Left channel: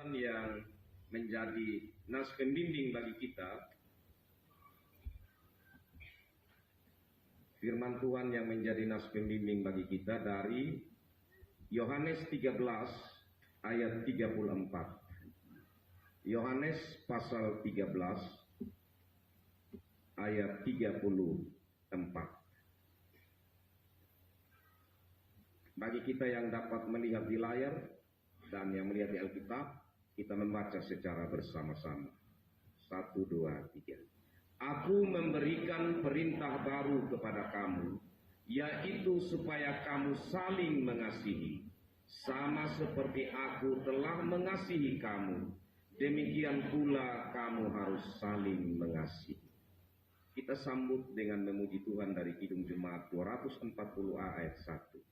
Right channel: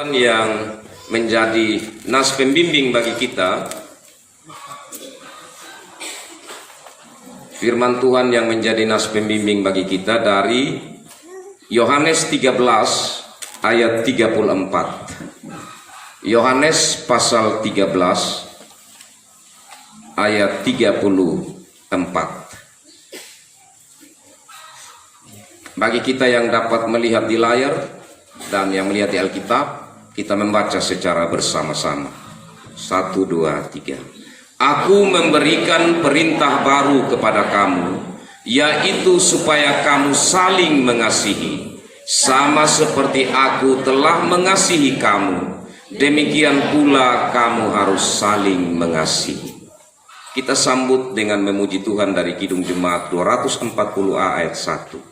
Tuhan yang menjadi nas pembimbing bagi kita, firman Tuhan yang menjadi nas pembimbing bagi kita dari Yohanes 13 ayat 34. Yohanes pasal 13 ayat 34. Bagi kita yang dapat melihat di layar dan yang melihat di Alkitab, kita membaca secara bersama-sama. 1, 2, 3. Aku memberikan perintah baru kepada kamu, yaitu supaya kamu saling mengasihi. Sama seperti aku telah mengasihi kamu, demikian pula kamu harus saling mengasihi. Kita sambut dengan memuji Tuhan dari Kidung Jemaat 240A ayat 1.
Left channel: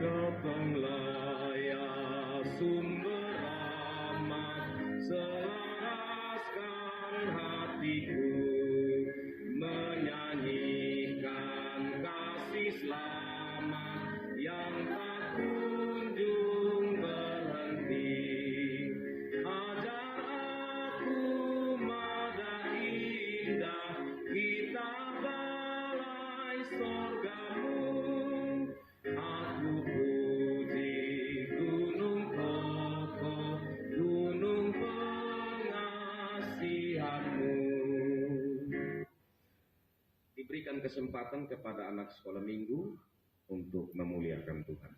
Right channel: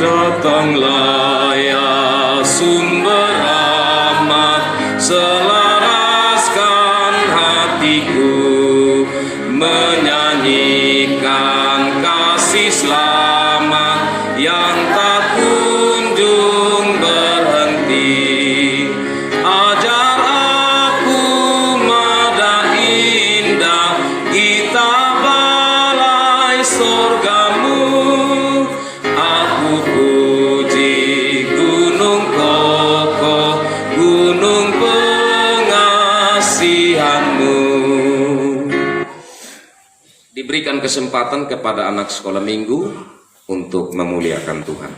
Datanglah ya sumber rahmat, selaraskan hatiku, menyanyikan kasih selamat yang tak kunjung berhenti. Ajar aku mada indah, kitab balai sorgamu. Diberikan kesempatan kepada anak sekolah minggu untuk memuliakan Tuhan.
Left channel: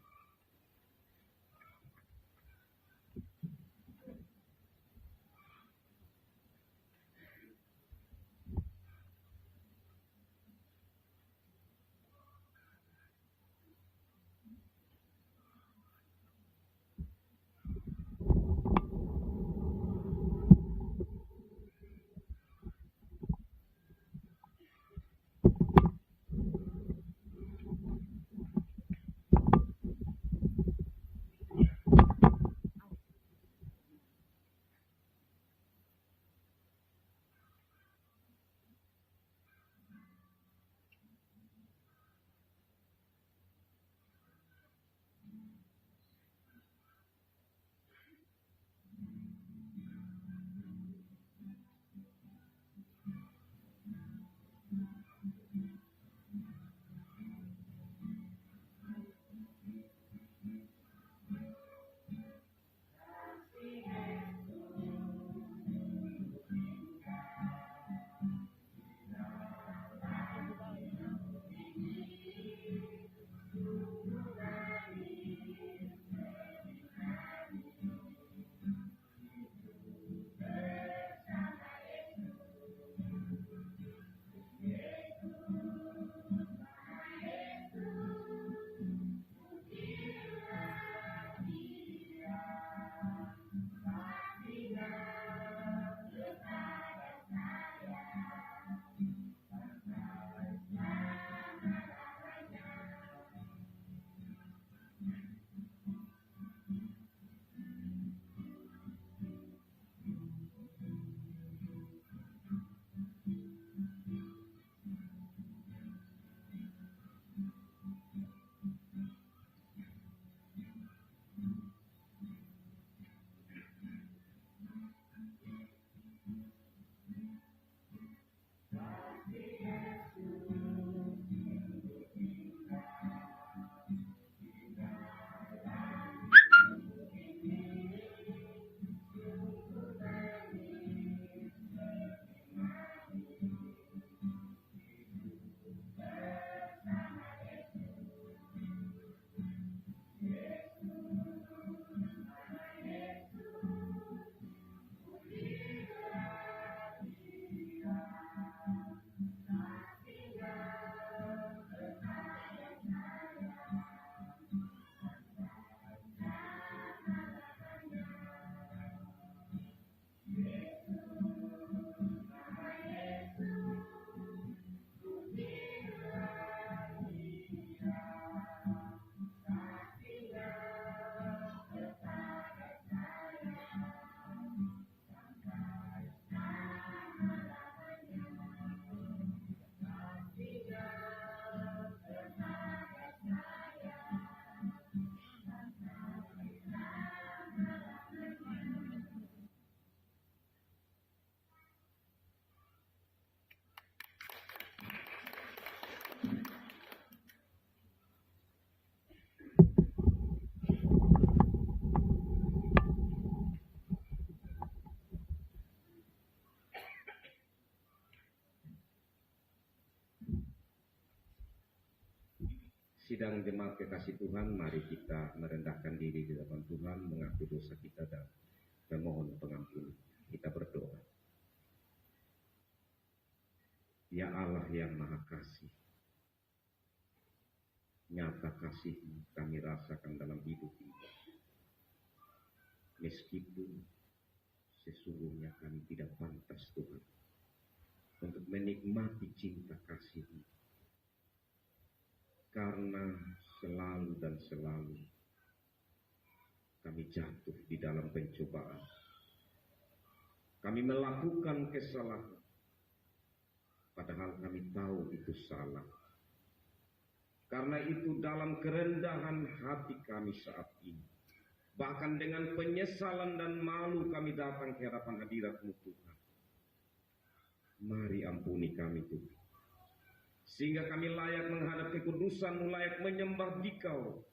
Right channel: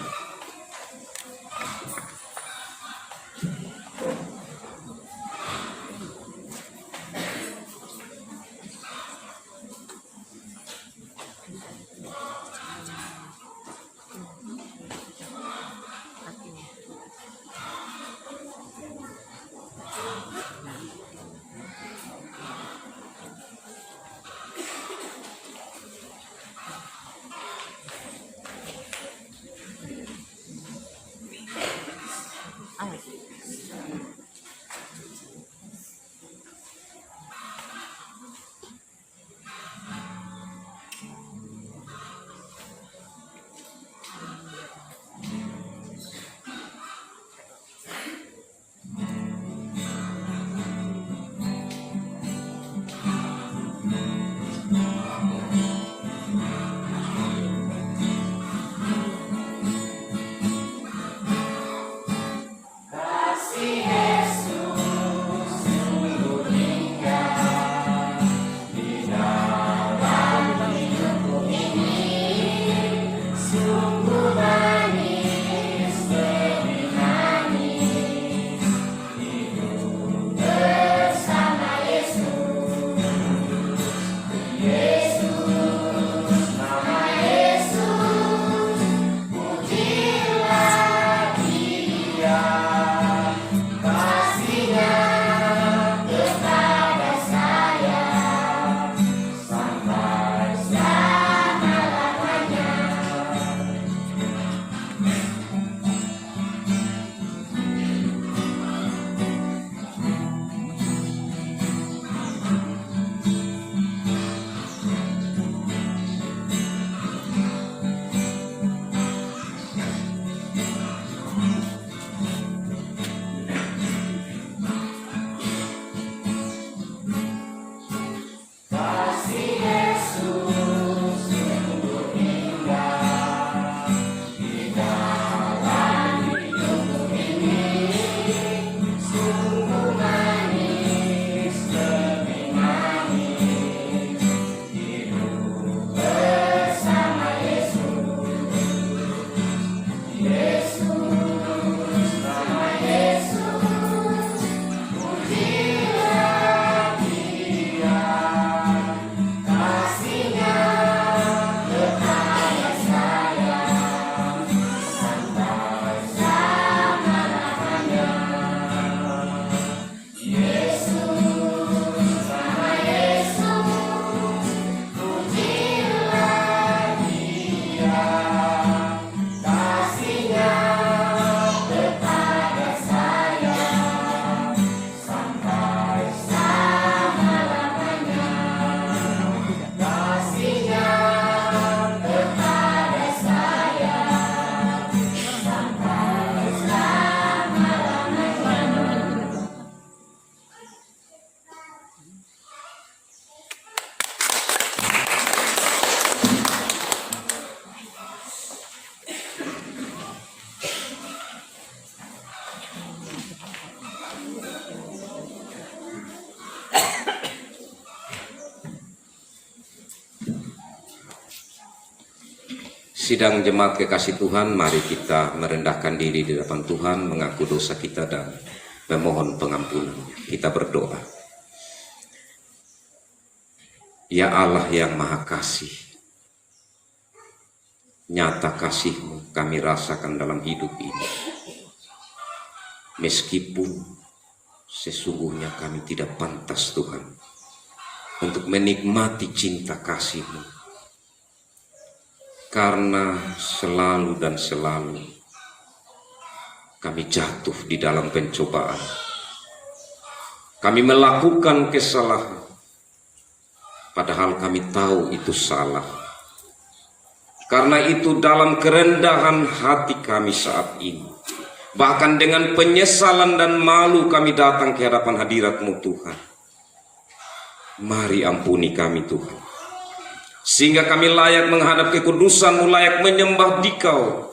Sidang jemaat kekasih Tuhan, mari kita merendahkan diri di depan Tuhan, mengaku dosa kita dan memohon pengampunan. Kita berdoa. Ya Allah yang Maha Kasih, nyata kasih-Mu kami rasakan dalam hidup ini. Meskipun sesungguhnya kami tidak pantas Tuhan untuk menikmati cinta kasih-Mu. Karena selalu dan selalu kami jatuh di dalam pencobaan. Kami melakukan kesalahan, padahal kami tahu itu salah. Karena itu dalam kerendahan hati kami saat ini, bahkan dengan penyesalan dan malu kami datang ke hadapan hadirat-Mu Tuhan. Mari ampuni kami Tuhan, sehingga kami layak menghadap kekudusan-Mu, layak menyembah Dikau,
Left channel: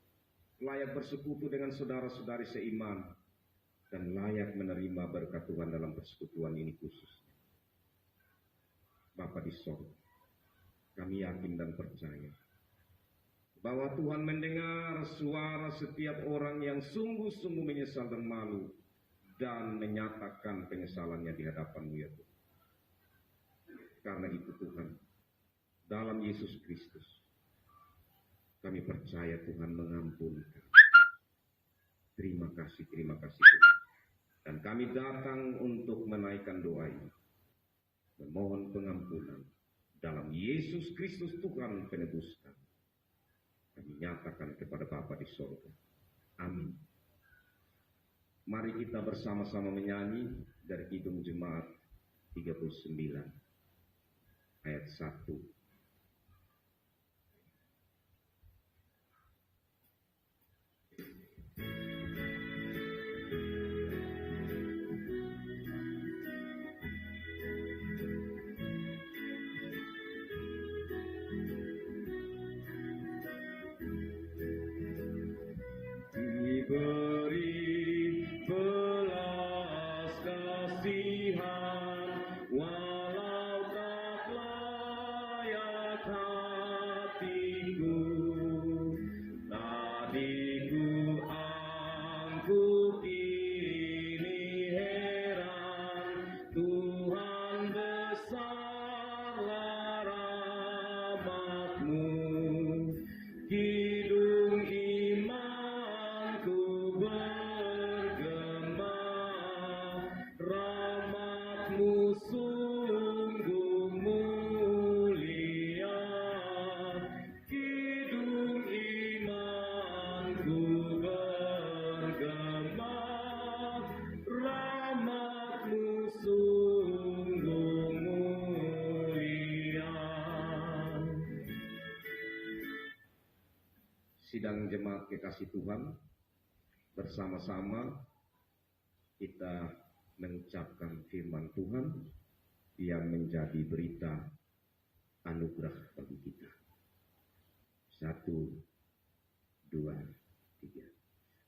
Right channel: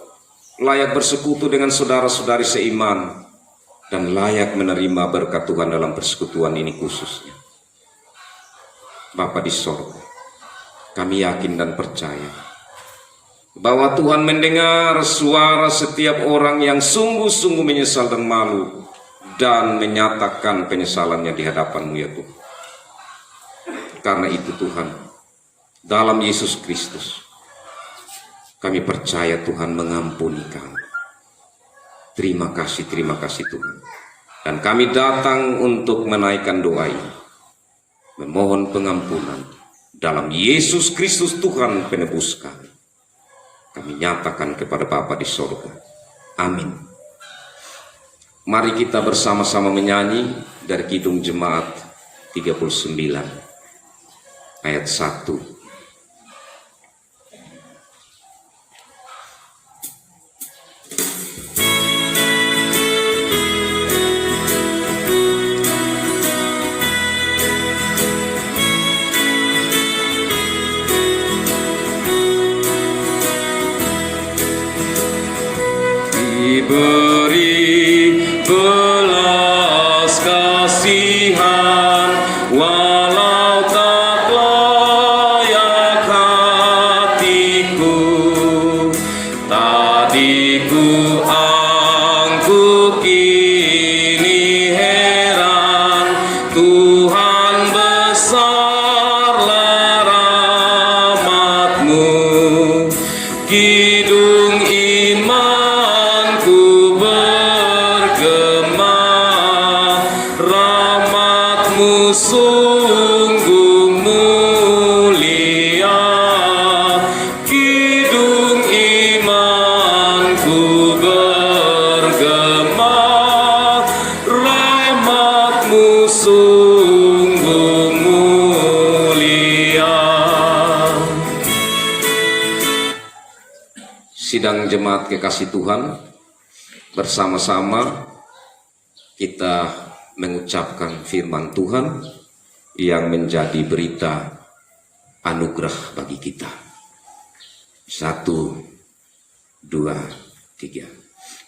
layak bersekutu dengan saudara-saudari seiman, dan layak menerima berkat Tuhan dalam persekutuan ini khususnya. Bapa di sorga, kami yakin dan percaya bahwa Tuhan mendengar suara setiap orang yang sungguh-sungguh menyesal dan malu, dan menyatakan penyesalannya di hadapan-Mu ya Tuhan. Karena itu Tuhan, dalam Yesus Kristus, kami percaya Tuhan mengampuni kami. Terima kasih Tuhan. Dan kami datang untuk menaikkan doa ini, memohon pengampunan dalam Yesus Kristus Tuhan penebus kami. Kami nyatakan kepada Bapa di sorga. Amin. Mari kita bersama-sama menyanyi dari Kidung Jemaat 39 ayat 1. Diberi belas kasihan walau tak layak hatiku, tadiku angkuh kini heran, Tuhan besarlah rahmat-Mu. Kidung imanku bergema, rahmat-Mu sungguh mulia. Kidung imanku bergema, rahmat-Mu sungguh mulia. Sidang jemaat kekasih Tuhan, bersama-sama kita mengucapkan firman Tuhan yang menjadi berita anugerah bagi kita. 1, 2, 3.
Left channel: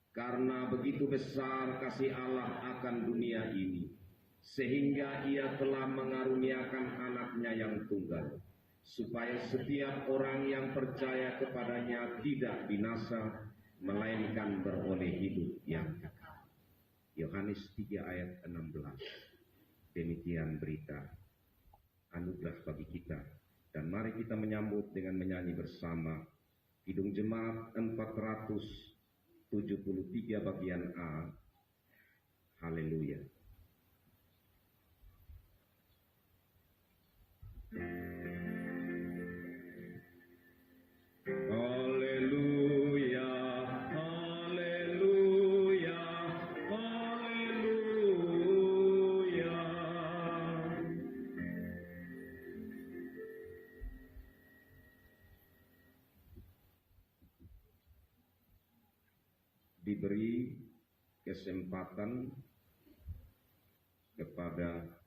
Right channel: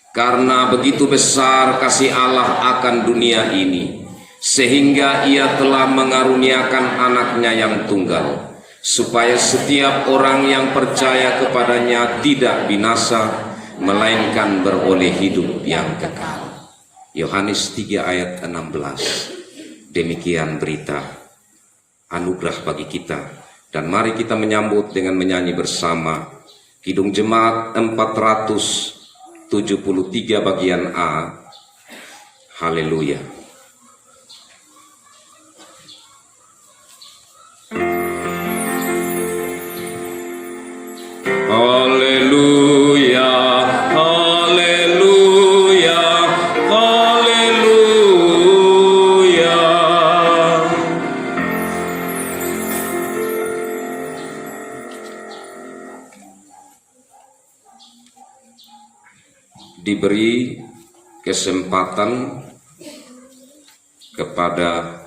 Karena begitu besar kasih Allah akan dunia ini, sehingga Ia telah mengaruniakan anaknya yang tunggal, supaya setiap orang yang percaya kepadanya tidak binasa, melainkan beroleh hidup yang kekal. Yohanes 3 ayat 16. Demikian berita anugerah bagi kita. Dan mari kita menyambut dengan menyanyi bersama Kidung Jemaat 473 bagian A. Haleluya. Haleluya, haleluya, haleluya. Diberi kesempatan kepada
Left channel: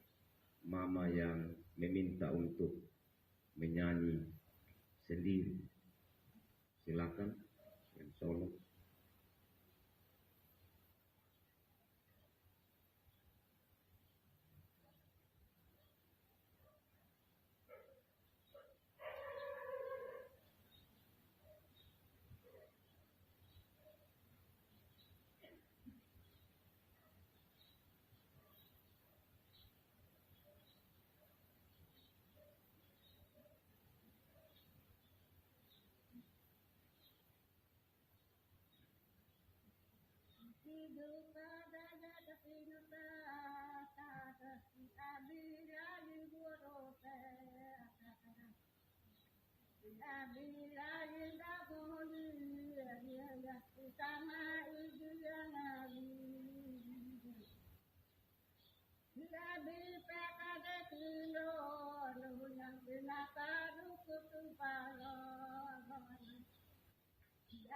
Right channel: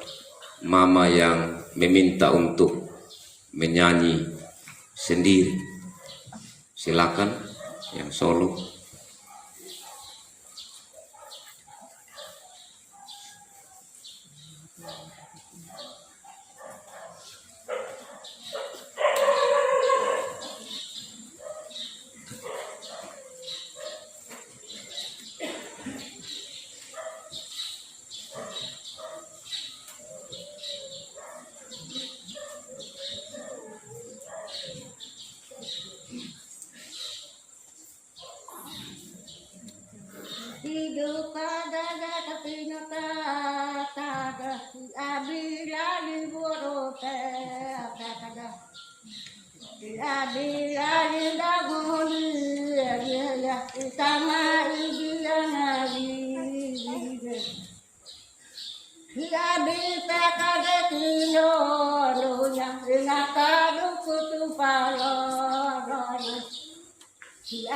mama yang meminta untuk menyanyi sendiri. Silakan yang solo.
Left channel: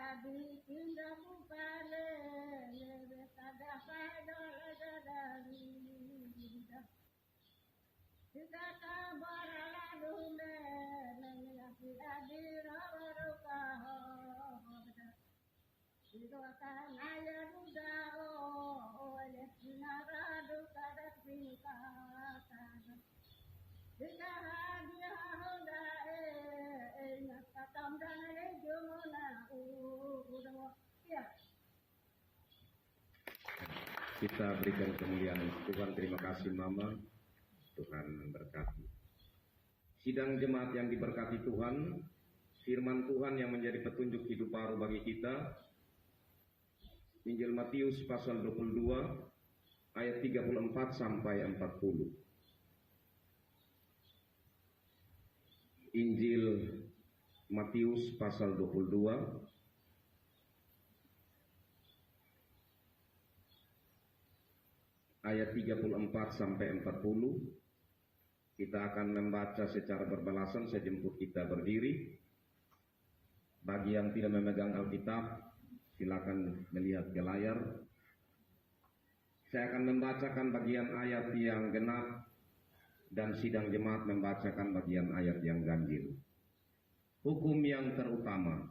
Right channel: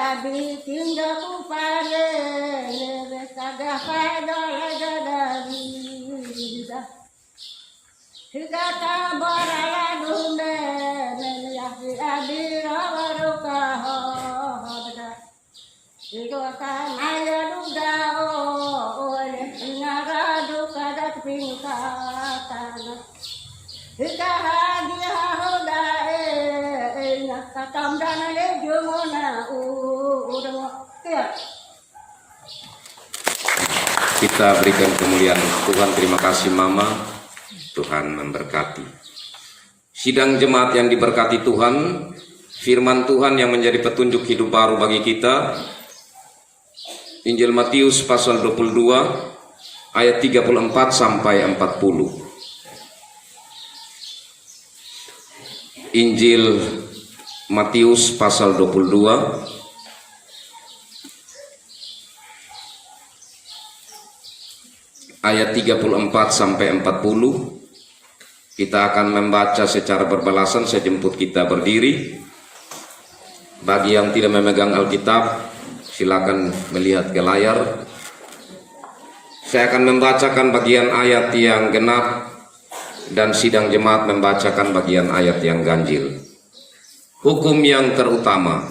abi tinggal kupare kagak pada dari higata borala dunde ya abi rawaruka hoda itu akan ayah duda oleh ngara duka dat pingkatan hika hadia hoda katam dana le jumona udah ya. Kita berikan kemuliaan Tuhan. Terima kasih Mama. Tuhan memberkati. Sidang jemaat yang diberkati Tuhan, firman Tuhan yang menjadi petunjuk hidup baru bagi kita. Injil Matius pasal 22 ayat 34 sampai 40. Injil Matius pasal 22 ayat 34 sampai 40. Kita akan membaca secara berbalasan. Saya jemput kita berdiri. Bagi yang tidak memegang Alkitab, silakan melihat ke layar. Saya akan membacakan bagian ayat yang genap dan sidang jemaat membacakan bagian ayat yang ganjil. Hukum yang terutama.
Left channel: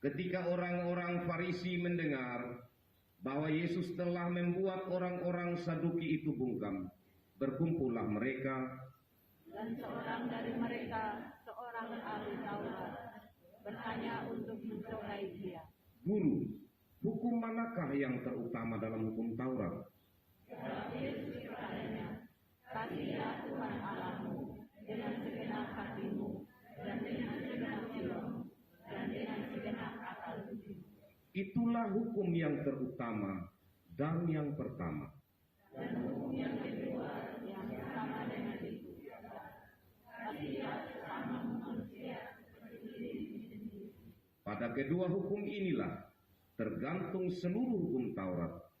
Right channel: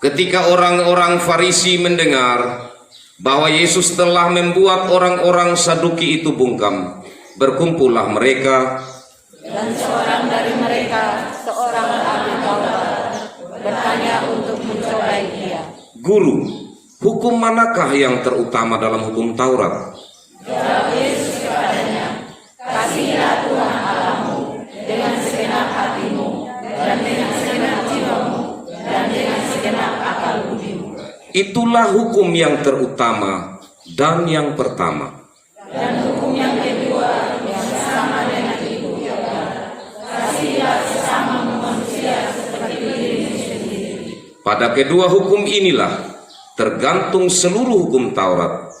Ketika orang-orang Farisi mendengar bahwa Yesus telah membuat orang-orang Saduki itu bungkam, berkumpullah mereka. Dan seorang dari mereka, seorang ahli Taurat, bertanya untuk mencobai dia. Guru, hukum manakah yang terutama dalam hukum Taurat? Jawab Yesus kepadanya, kasihilah Tuhan Allahmu dengan segenap hatimu, dan dengan segenap jiwamu, dan dengan segenap akal budimu. Itulah hukum yang terutama dan yang pertama. Dan hukum yang kedua yang sama dengan itu ialah kasihilah sesama manusia seperti dirimu sendiri. Pada kedua hukum inilah tergantung seluruh hukum Taurat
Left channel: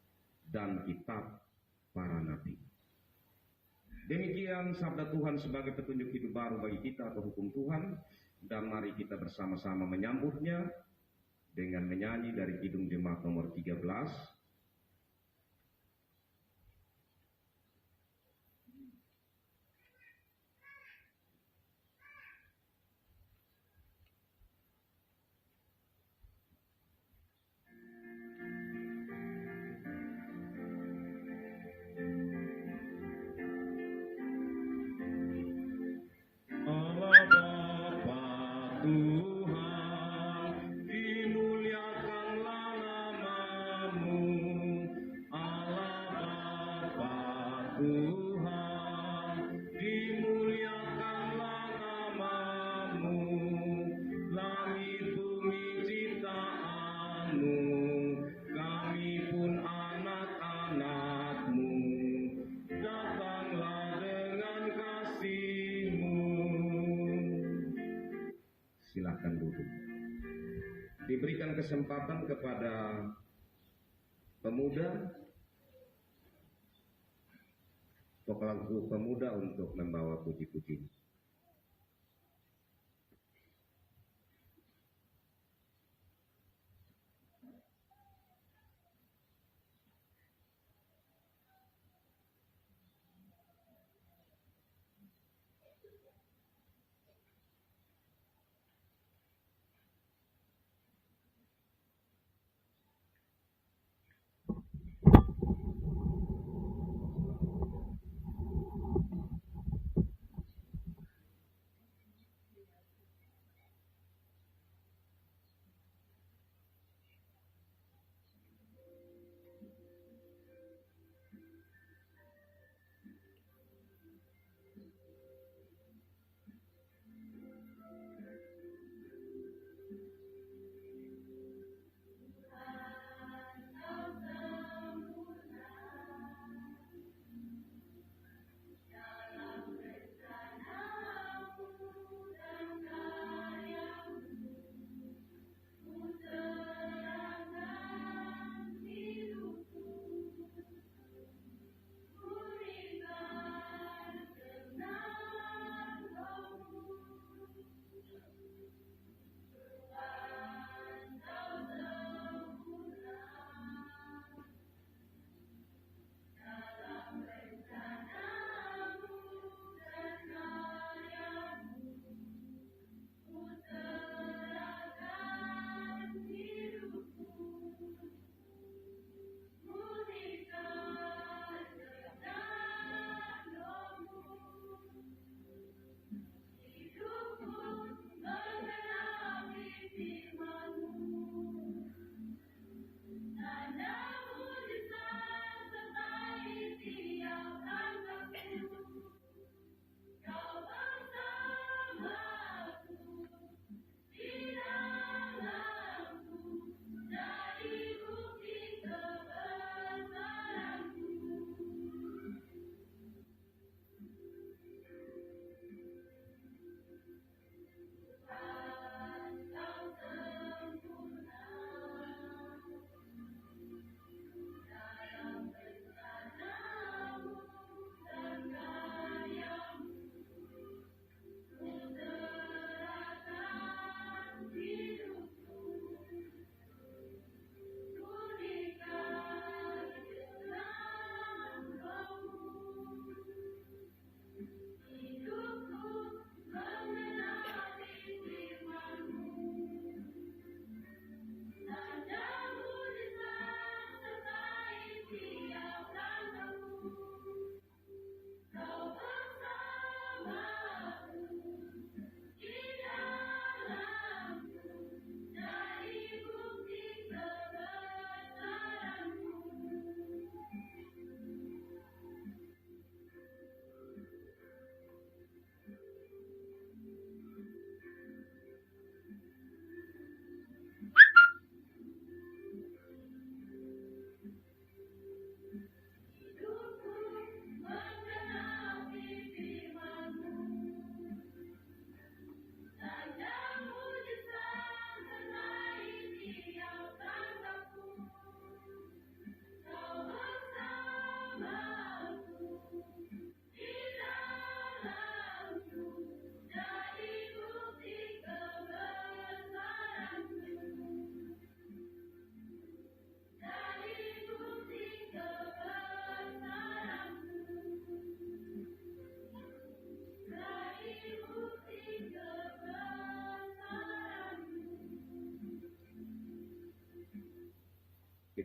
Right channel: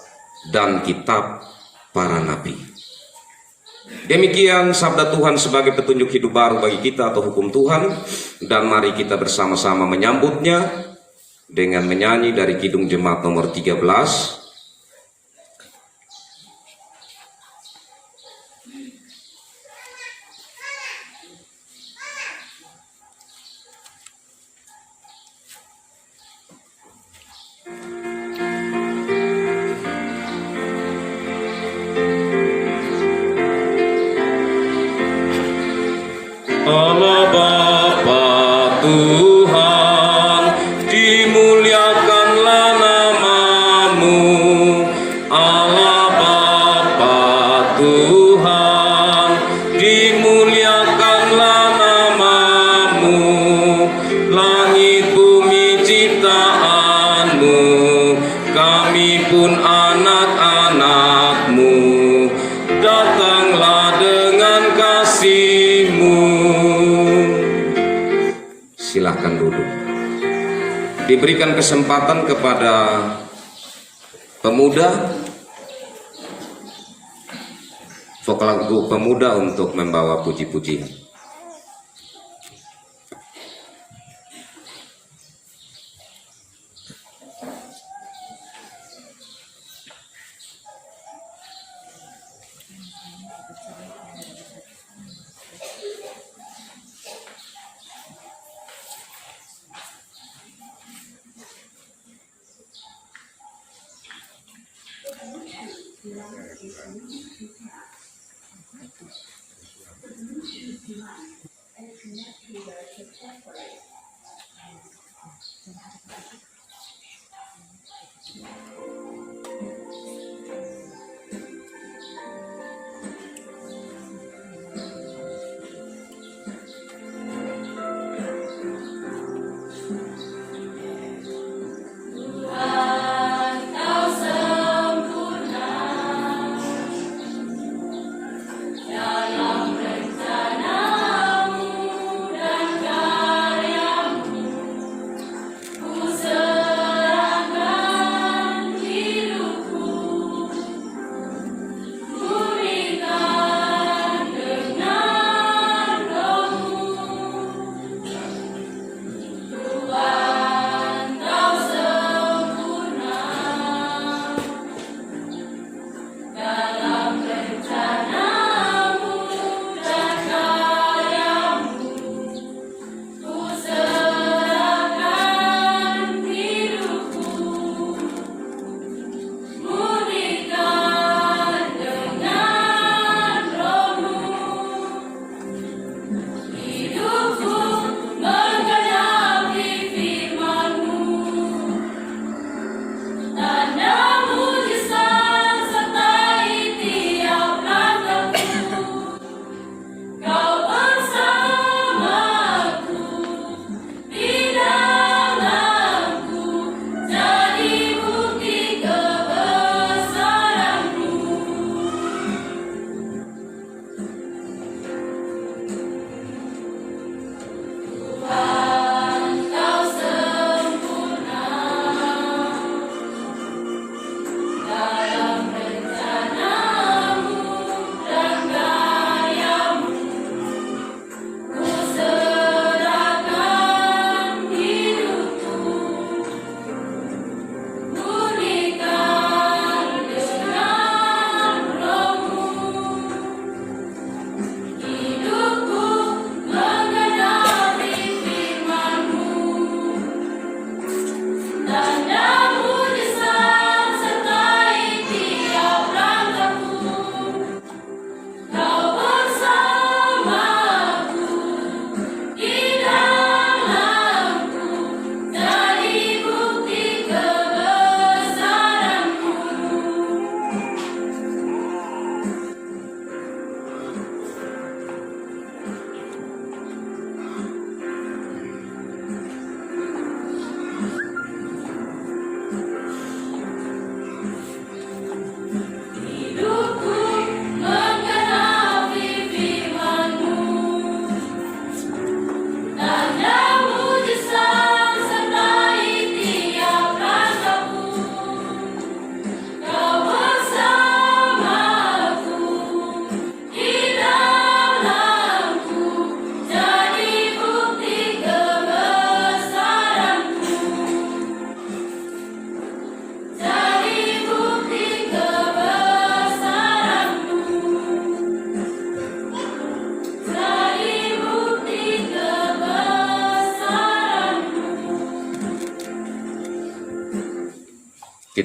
dan kitab para nabi. Demikian sabda Tuhan sebagai petunjuk hidup baru bagi kita atau hukum Tuhan. Dan mari kita bersama-sama menyambutnya dengan menyanyi dari Kidung Jemaat nomor 13. Allah Bapa Tuhan, dimuliakanlah namamu. Allah Bapa Tuhan, dimuliakanlah namamu. Langit bumi ciptaanmu, kami pun anak-anakmu. Datanglah dengan kasih-Mu. Silahkan duduk. Diberikan kesempatan kepada pemuda, vokal lagu pemuda untuk membawa puji-pujian.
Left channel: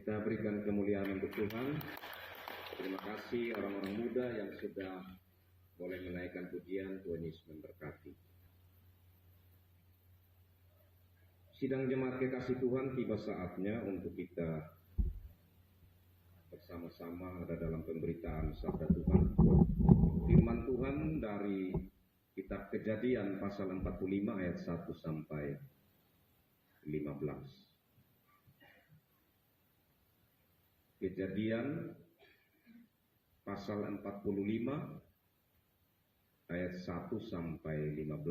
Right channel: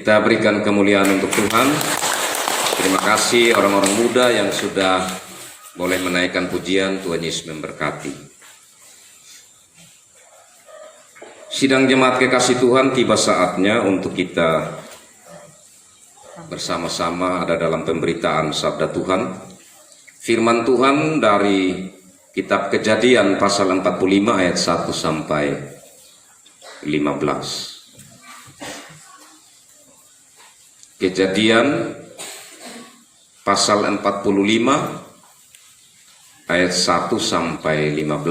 Kita berikan kemuliaan untuk Tuhan. Terima kasih orang-orang muda yang sudah boleh menaikkan pujian. Tuhan Yesus memberkati. Sidang jemaat kekasih Tuhan, tiba saatnya untuk kita bersama-sama ada dalam pemberitaan sabda Tuhan. Firman Tuhan dari kitab Kejadian pasal 45 ayat 1 sampai 15. Kejadian pasal 45 ayat 1 sampai 15.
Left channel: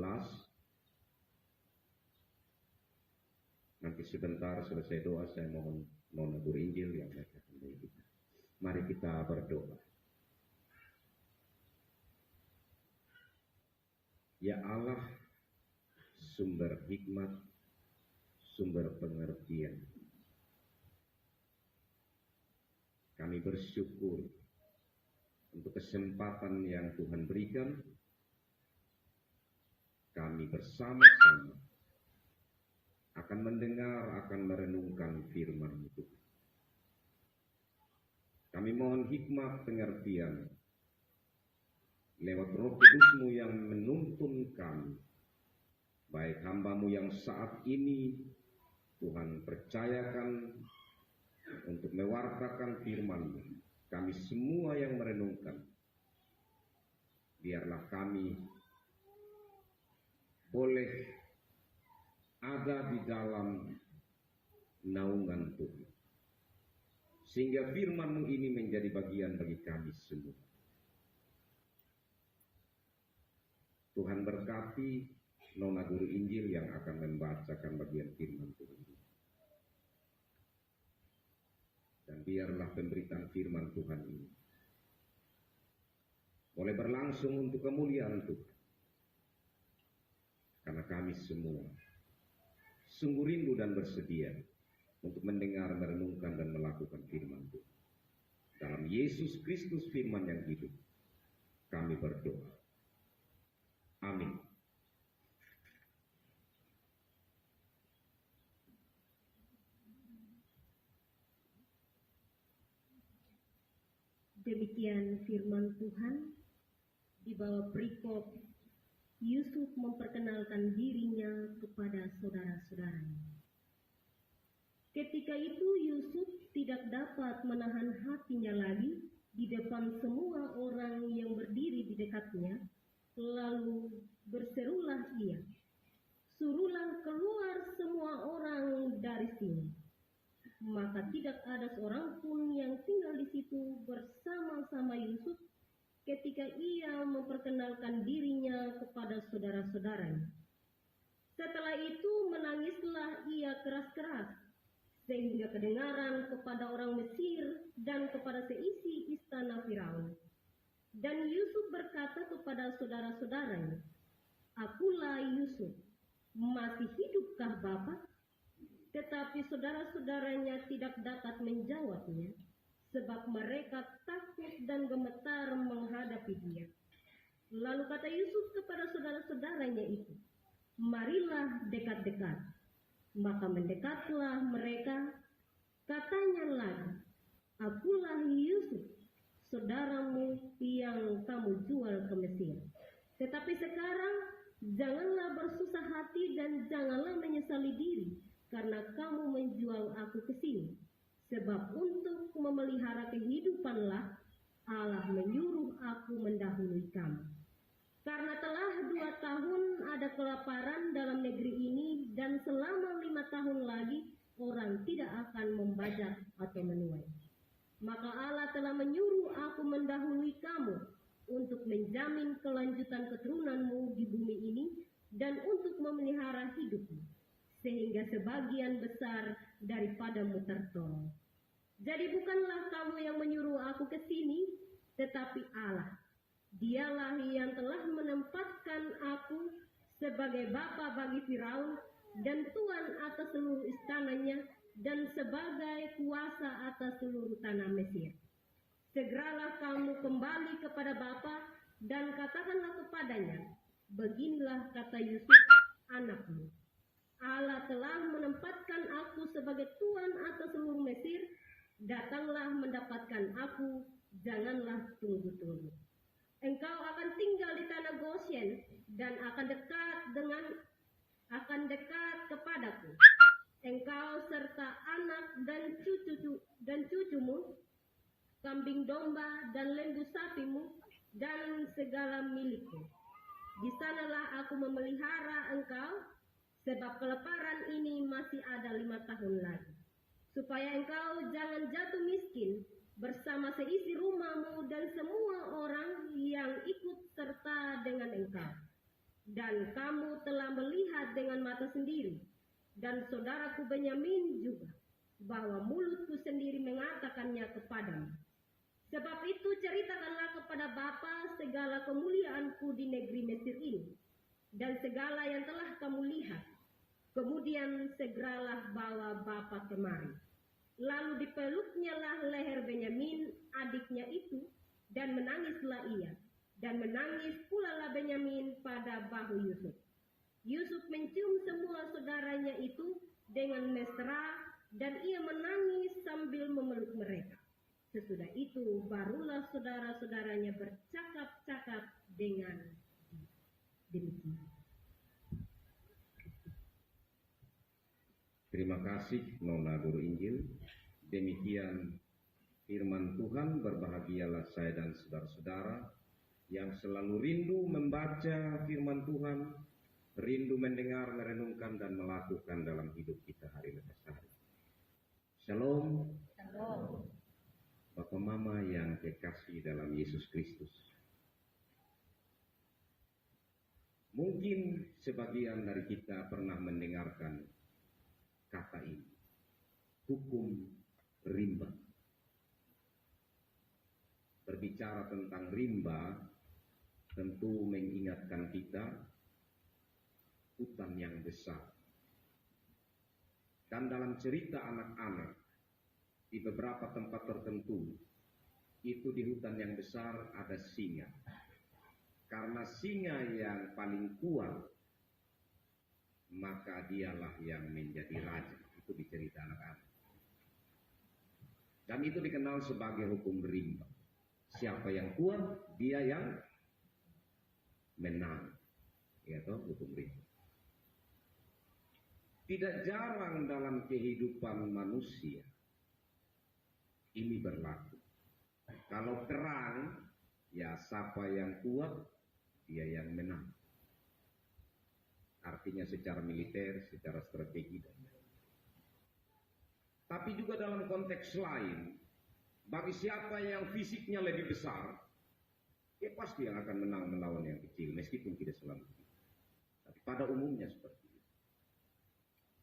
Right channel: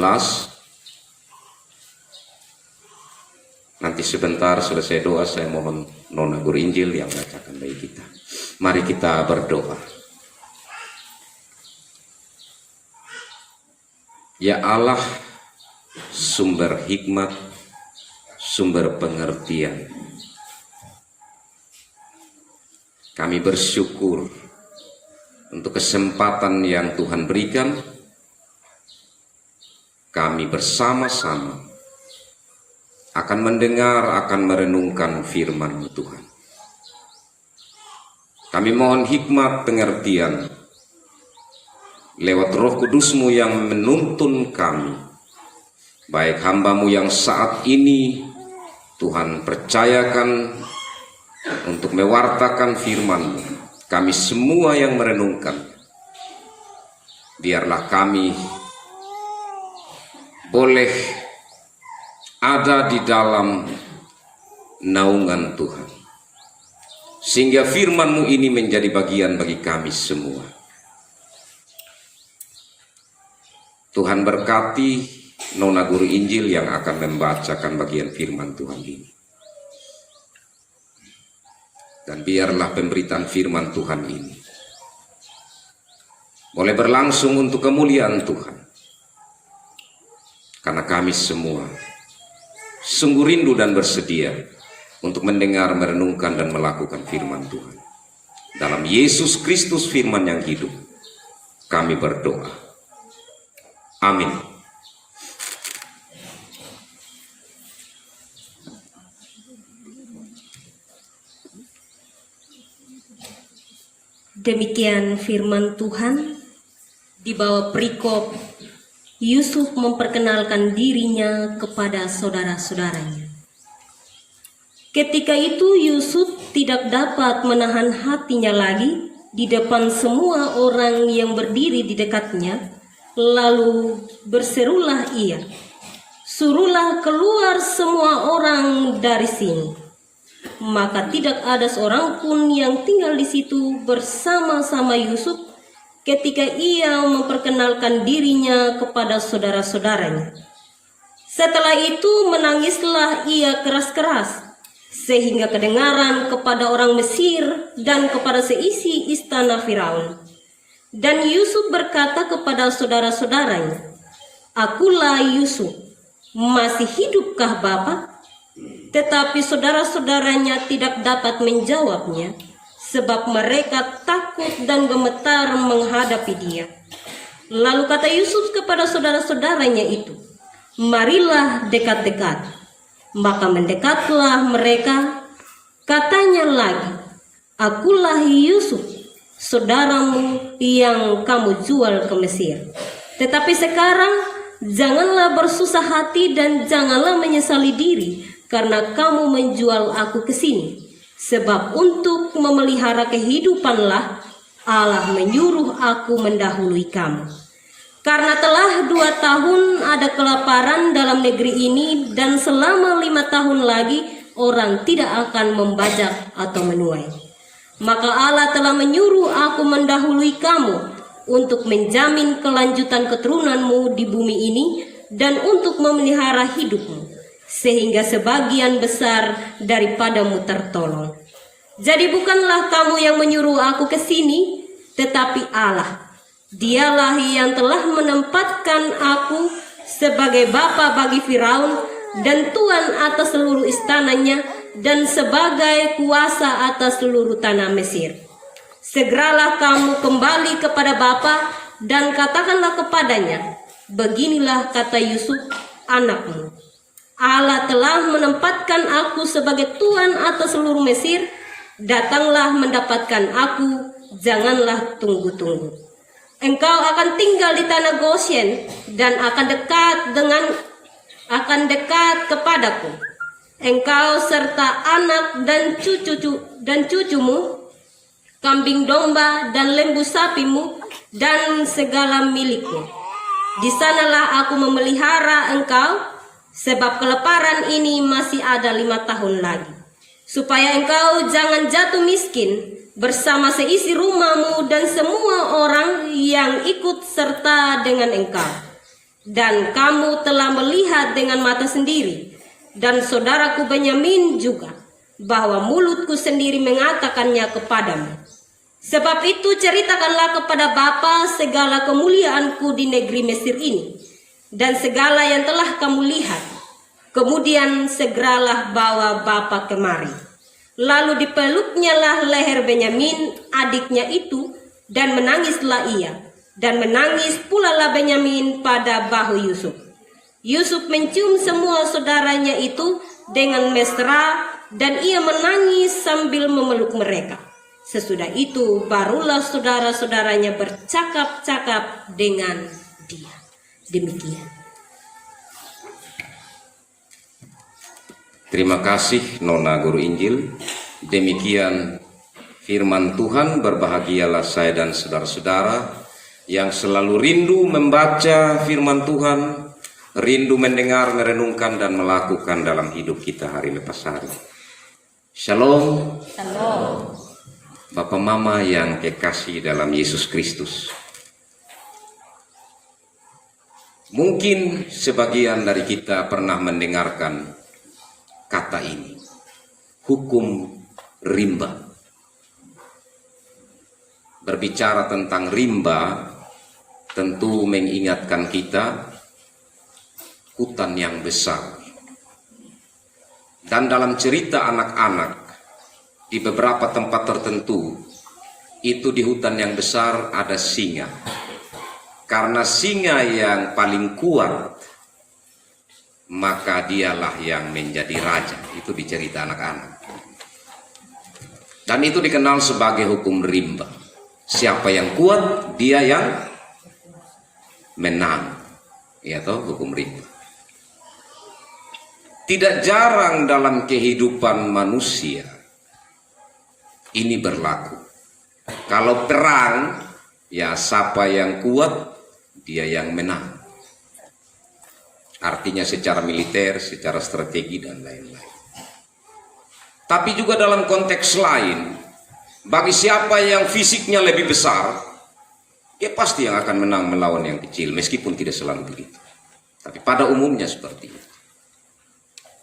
Nanti sebentar selesai doa saya mohon Nona Guru Injil yang bacakan bagi kita. Mari kita berdoa. Ya Allah, sumber hikmat, sumber pengertian, kami bersyukur untuk kesempatan yang Tuhan berikan. Kami bersama-sama akan mendengar, akan merenungkan firman Tuhan. Kami mohon hikmat pengertian lewat Roh Kudus-Mu yang menuntun kami. Baik hamba-Mu yang saat ini Tuhan percayakan untuk mewartakan firman-Mu, kami semua yang merenungkan, biarlah kami boleh ada di dalam naungan Tuhan, sehingga firman-Mu ini menjadi bagian bagi kami semua. Tuhan berkati Nona Guru Injil yang akan membacakan bagian firman Tuhan ini. Dan biarlah pemberitaan firman Tuhan ini boleh berlangsung untuk kemuliaan Tuhan. Karena kami semua sungguh rindu dan bersedia untuk mendengar, merenungkan, dan melakukan firman Tuhan. Dalam Yesus Kristus firman yang hidup, kami berdoa. Amin. Demikian firman Tuhan. Di bawah perikop, Yusuf memperkenalkan dirinya kepada saudara-saudaranya. Ketika itu Yusuf tidak dapat menahan hatinya lagi di depan semua orang yang berdiri di dekatnya. Lalu berserulah ia, "Suruhlah keluar semua orang dari sini." Maka tidak ada seorang pun yang tinggal di situ bersama-sama Yusuf ketika ia memperkenalkan dirinya kepada saudara-saudaranya. Setelah itu menangislah ia keras-keras, sehingga kedengaran kepada orang Mesir dan kepada seisi istana Firaun. Dan Yusuf berkata kepada saudara-saudaranya, "Akulah Yusuf, masih hidupkah Bapak?" Tetapi saudara-saudaranya tidak dapat menjawabnya, sebab mereka takut dan gemetar menghadapi dia. Lalu kata Yusuf kepada saudara-saudaranya itu, "Marilah dekat-dekat." Maka mendekatlah mereka. Katanya lagi, "Akulah Yusuf, saudaramu yang kamu jual ke Mesir. Tetapi sekarang janganlah bersusah hati dan janganlah menyesali diri, karena kamu menjual aku ke sini. Sebab untuk memelihara kehidupanlah Allah menyuruh aku mendahului kamu. Karena telah 2 tahun ada kelaparan dalam negeri ini, dan selama 5 tahun lagi orang tidak akan membajak atau menuai. Maka Allah telah menyuruh aku mendahului kamu untuk menjamin kelanjutan keturunanmu di bumi ini dan untuk memelihara hidupmu, sehingga sebagian besar daripadamu tertolong. Jadi bukanlah kamu yang menyuruh aku ke sini, tetapi Allah. Dialah yang telah menempatkan aku sebagai bapa bagi Firaun dan tuan atas seluruh istananya dan sebagai kuasa atas seluruh tanah Mesir. Segeralah kamu kembali kepada bapa dan katakanlah kepadanya, beginilah kata Yusuf anakmu. Allah telah menempatkan aku sebagai tuan atas seluruh Mesir, Datanglah mendapatkan aku, janganlah tunggu-tunggu. Engkau akan tinggal di tanah Goshen dan akan dekat kepadaku. Engkau serta anak dan cucumu, kambing domba dan lembu sapimu, dan segala milikmu. Di sanalah aku memelihara engkau, sebab kelaparan ini masih ada 5 tahun lagi. Supaya engkau jangan jatuh miskin bersama seisi rumahmu dan semua orang yang ikut serta dengan engkau. Dan kamu telah melihat dengan mata sendiri, dan saudaraku Benyamin juga, bahwa mulutku sendiri mengatakannya kepadamu. Sebab itu ceritakanlah kepada Bapa segala kemuliaanku di negeri Mesir ini, dan segala yang telah kamu lihat. Kemudian segeralah bawa Bapa kemari. Lalu dipeluknyalah leher Benyamin adiknya itu, dan menangislah ia. Dan menangis pula lah Benyamin pada bahu Yusuf. Yusuf mencium semua saudaranya itu dengan mesra, dan ia menangis sambil memeluk mereka. Sesudah itu barulah saudara-saudaranya bercakap-cakap dengan dia. Demikian. Terima kasih Nona Guru Injil. Demikian firman Tuhan. Berbahagialah saya dan saudara-saudara yang selalu rindu membaca firman Tuhan, rindu mendengar, merenungkan, dan melakukan dalam hidup kita hari lepas hari. Shalom. Shalom. Bapak Mama yang kekasih dalam Yesus Kristus. Mungkin sebagian dari kita pernah mendengarkan kata ini, hukum rimba. Berbicara tentang rimba, tentu mengingatkan kita hutan yang besar. Dan dalam cerita anak-anak, di beberapa tempat tertentu, itu di hutan yang besar ada singa. Karena singa yang paling kuat, maka dialah yang menjadi raja. Itu di cerita anak-anak. Dan itu dikenal sebagai hukum rimba. Siapa yang kuat, dia yang menang. Ya toh, hukum rimba. Tidak jarang dalam kehidupan manusia ini berlaku. Kalau perang, ya siapa yang kuat, dia yang menang. Artinya secara militer, secara strategi, dan lain-lain. Tapi juga dalam konteks lain, bagi siapa yang fisiknya lebih besar, dia pasti yang akan menang melawan yang kecil, meskipun tidak selalu begitu. Tapi pada umumnya seperti itu.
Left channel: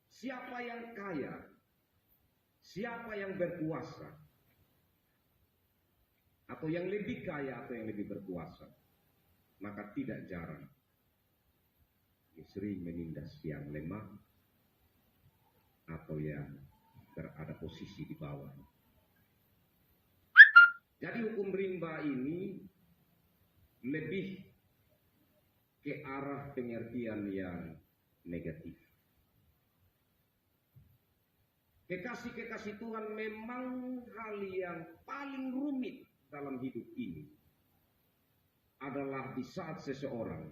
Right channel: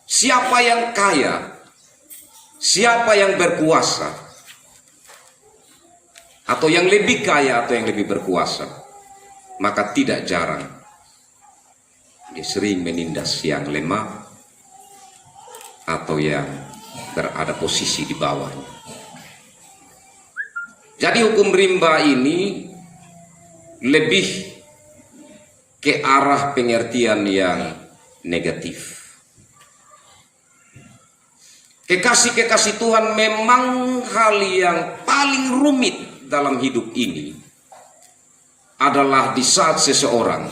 Siapa yang kaya, siapa yang berkuasa, atau yang lebih kaya atau yang lebih berkuasa, maka tidak jarang dia sering menindas yang lemah atau yang berada posisi di bawahnya. Jadi hukum rimba ini lebih ke arah pengertian yang negatif. Kekasih-kekasih Tuhan, memang hal yang paling rumit dalam hidup ini adalah di saat seseorang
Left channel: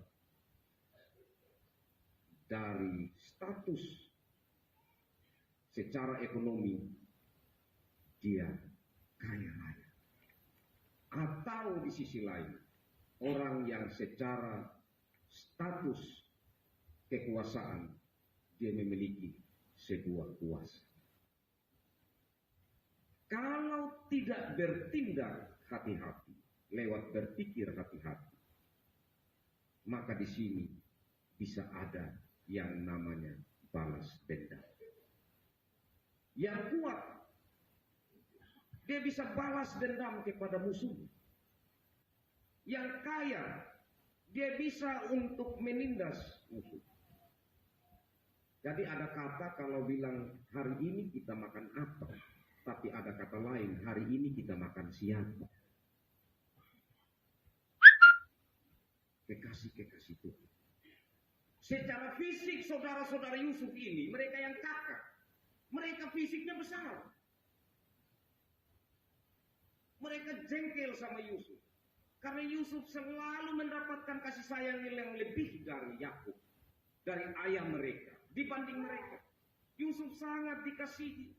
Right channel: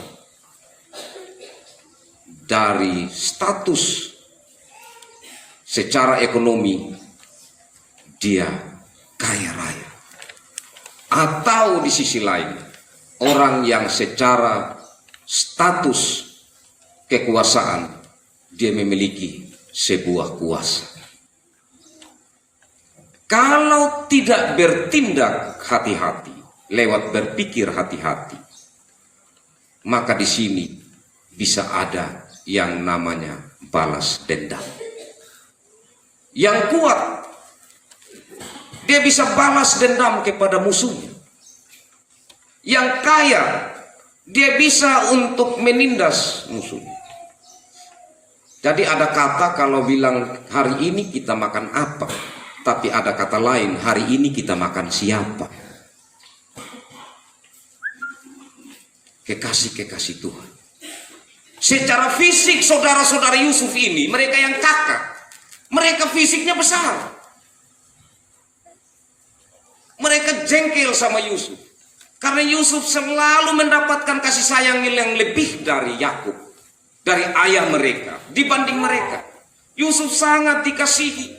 dari status secara ekonomi dia kaya raya, atau di sisi lain orang yang secara status kekuasaan dia memiliki sebuah kuasa. Kalau tidak bertindak hati-hati, lewat berpikir hati-hati, maka di sini bisa ada yang namanya balas dendam. Yang kuat, dia bisa balas dendam kepada musuhnya. Yang kaya, dia bisa untuk menindas musuhnya. Jadi ada kata kalau bilang hari ini kita makan apa, tapi ada kata lain, hari ini kita makan siapa. Kekasih-kekasih Tuhan. Secara fisik saudara-saudara Yusuf ini, mereka yang kakak, mereka fisiknya besar. jengkel sama Yusuf. Karena Yusuf selalu mendapatkan kasih sayang yang lebih dari Yakub, dari ayah mereka, dibanding mereka. Yusuf sangat dikasihi.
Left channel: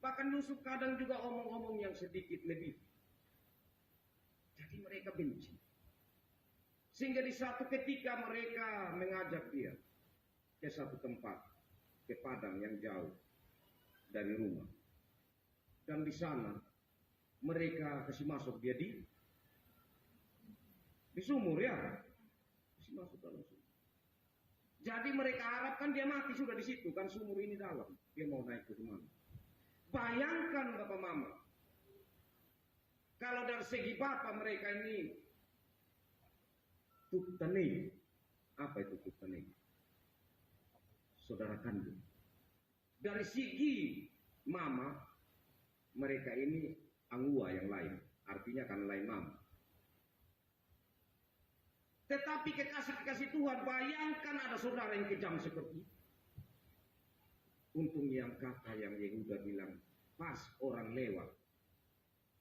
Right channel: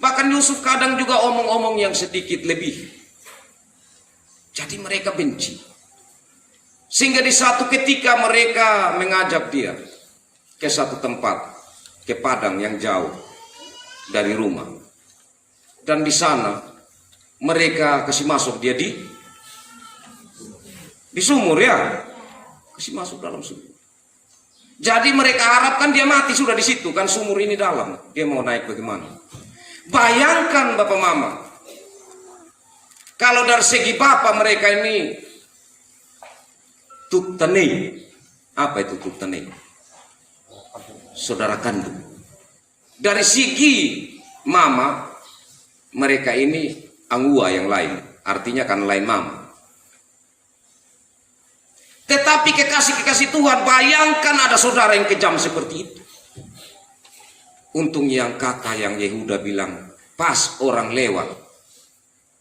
Bahkan Yusuf kadang juga omong-omong yang sedikit lebih. Jadi mereka benci. Sehingga di satu ketika mereka mengajak dia ke satu tempat, ke padang yang jauh dari rumah. Dan di sana mereka kasih masuk dia di sumur ya. Kasih masuk dalam sumur. Jadi mereka harapkan dia mati sudah di situ, kan sumur ini dalam. Dia mau naik bagaimana? Bayangkan Bapak Mama. Kalau dari segi Bapak mereka ini tuktane. Apa itu tuktane? Saudara kandung. Dari segi Mama, mereka ini angua yang lain. Artinya kan lain Mama. Tetapi kekasih-kekasih Tuhan, bayangkan ada saudara yang kejam seperti itu. Untung yang kata yang Yehuda bilang, pas orang lewat,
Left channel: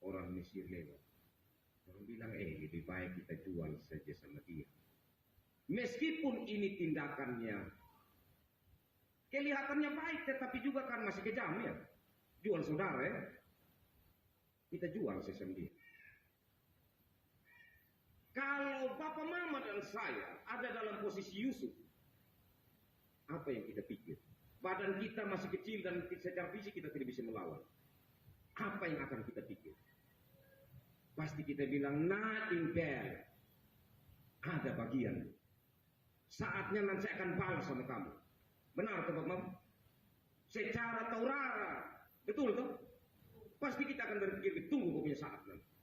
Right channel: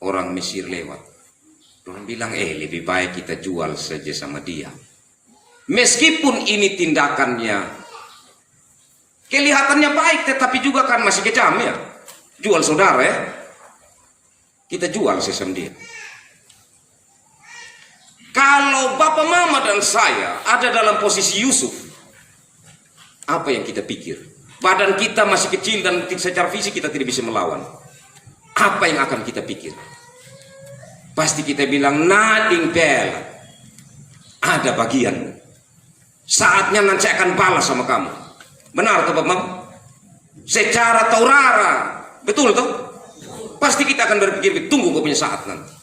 orang Mesir lewat. Orang bilang, lebih baik kita jual saja sama dia. Meskipun ini tindakannya kelihatannya baik, tetapi juga kan masih kejam ya. Jual saudara ya. Kita jual sesama dia. Kalau Bapak Mama dan saya ada dalam posisi Yusuf, apa yang kita pikir? Badan kita masih kecil dan secara fisik kita tidak bisa melawan. Apa yang akan kita pikir? Pasti kita bilang, nothing bad. Ada bagian. Saatnya nanti akan balas sama kamu. Benar tuh Bapak Mama? Secara taurara, betul tuh? Pasti kita akan berpikir, tunggu kau punya saat nanti.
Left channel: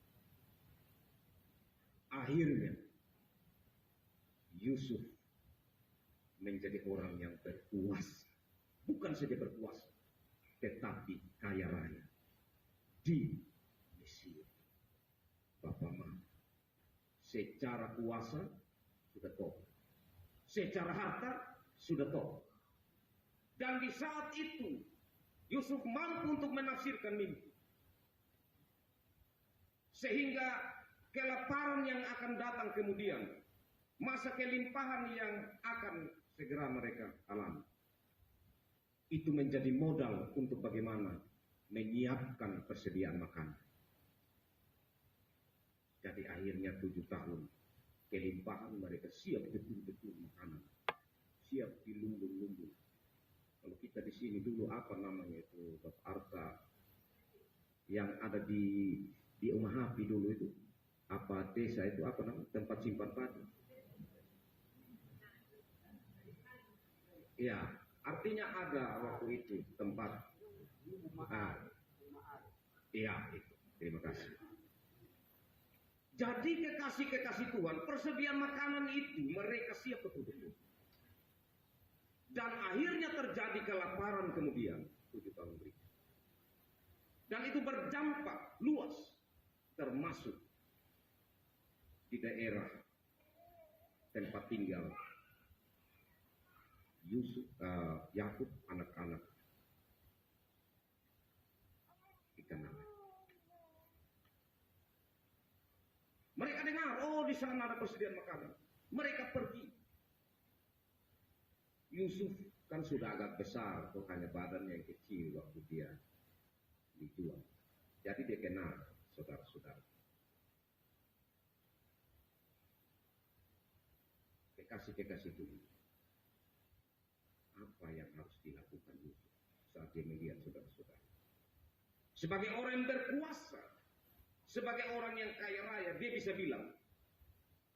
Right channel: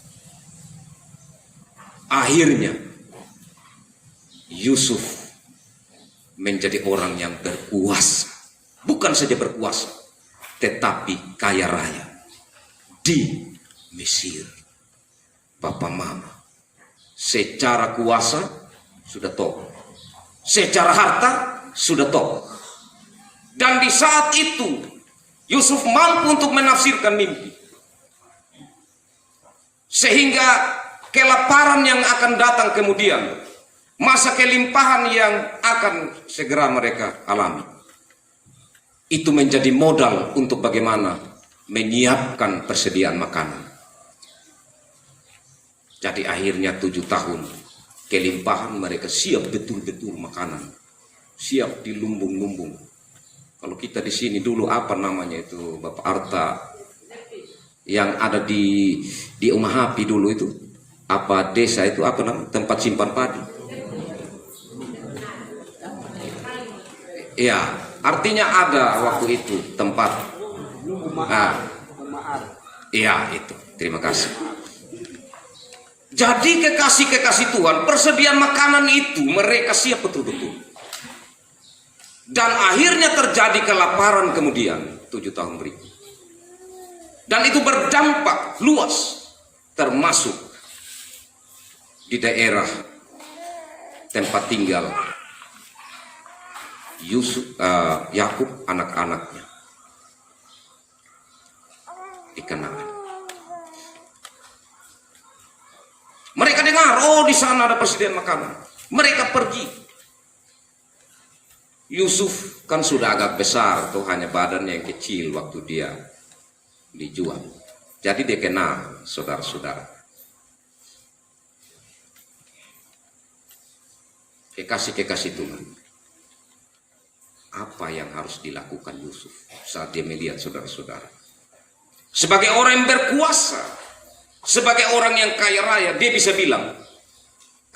Akhirnya Yusuf menjadi orang yang berkuasa. Bukan saja berkuasa, tetapi kaya raya di Mesir. Bapak Mama, secara kuasa sudah top, secara harta sudah top. Dan di saat itu Yusuf mampu untuk menafsirkan mimpi, sehingga kelaparan yang akan datang kemudian, masa kelimpahan yang akan segera mereka alami, itu menjadi modal untuk bagaimana menyiapkan persediaan makanan. Jadi akhirnya 7 tahun kelimpahan, mereka siap betul-betul makanan, siap di lumbung-lumbung. Kalau kita di sini dulu apa namanya itu Bapak Arta yang ada di Umahapi dulu itu, apa desa itu apa namanya, tempat simpan padi? Ya, artinya ada waktu itu tempat. Iya itu. Terima kasih. Jadi kekasih-kekasih Tuhan, persediaan makanan itu mereka siap betul-betul. Dan akhirnya terjadi kelaparan kemudian 7 tahun berikut. Dan itu berdampak luas, termasuk di daerah tempat tinggal Yakub, anak-anaknya di Kanaan. Mereka dengar, di sana ada persediaan makanan. Mereka pergi. Yusuf kan sudah agak besar, tuh hanya badannya yang kecil waktu dia dijual. Jadi dia kenal saudara-saudara. Kekasih-kekasih Tuhan. Apa yang harus dilakukan Yusuf saat dia melihat saudara-saudara? Sebagai orang yang berkuasa, sebagai orang yang kaya raya, dia bisa bilang,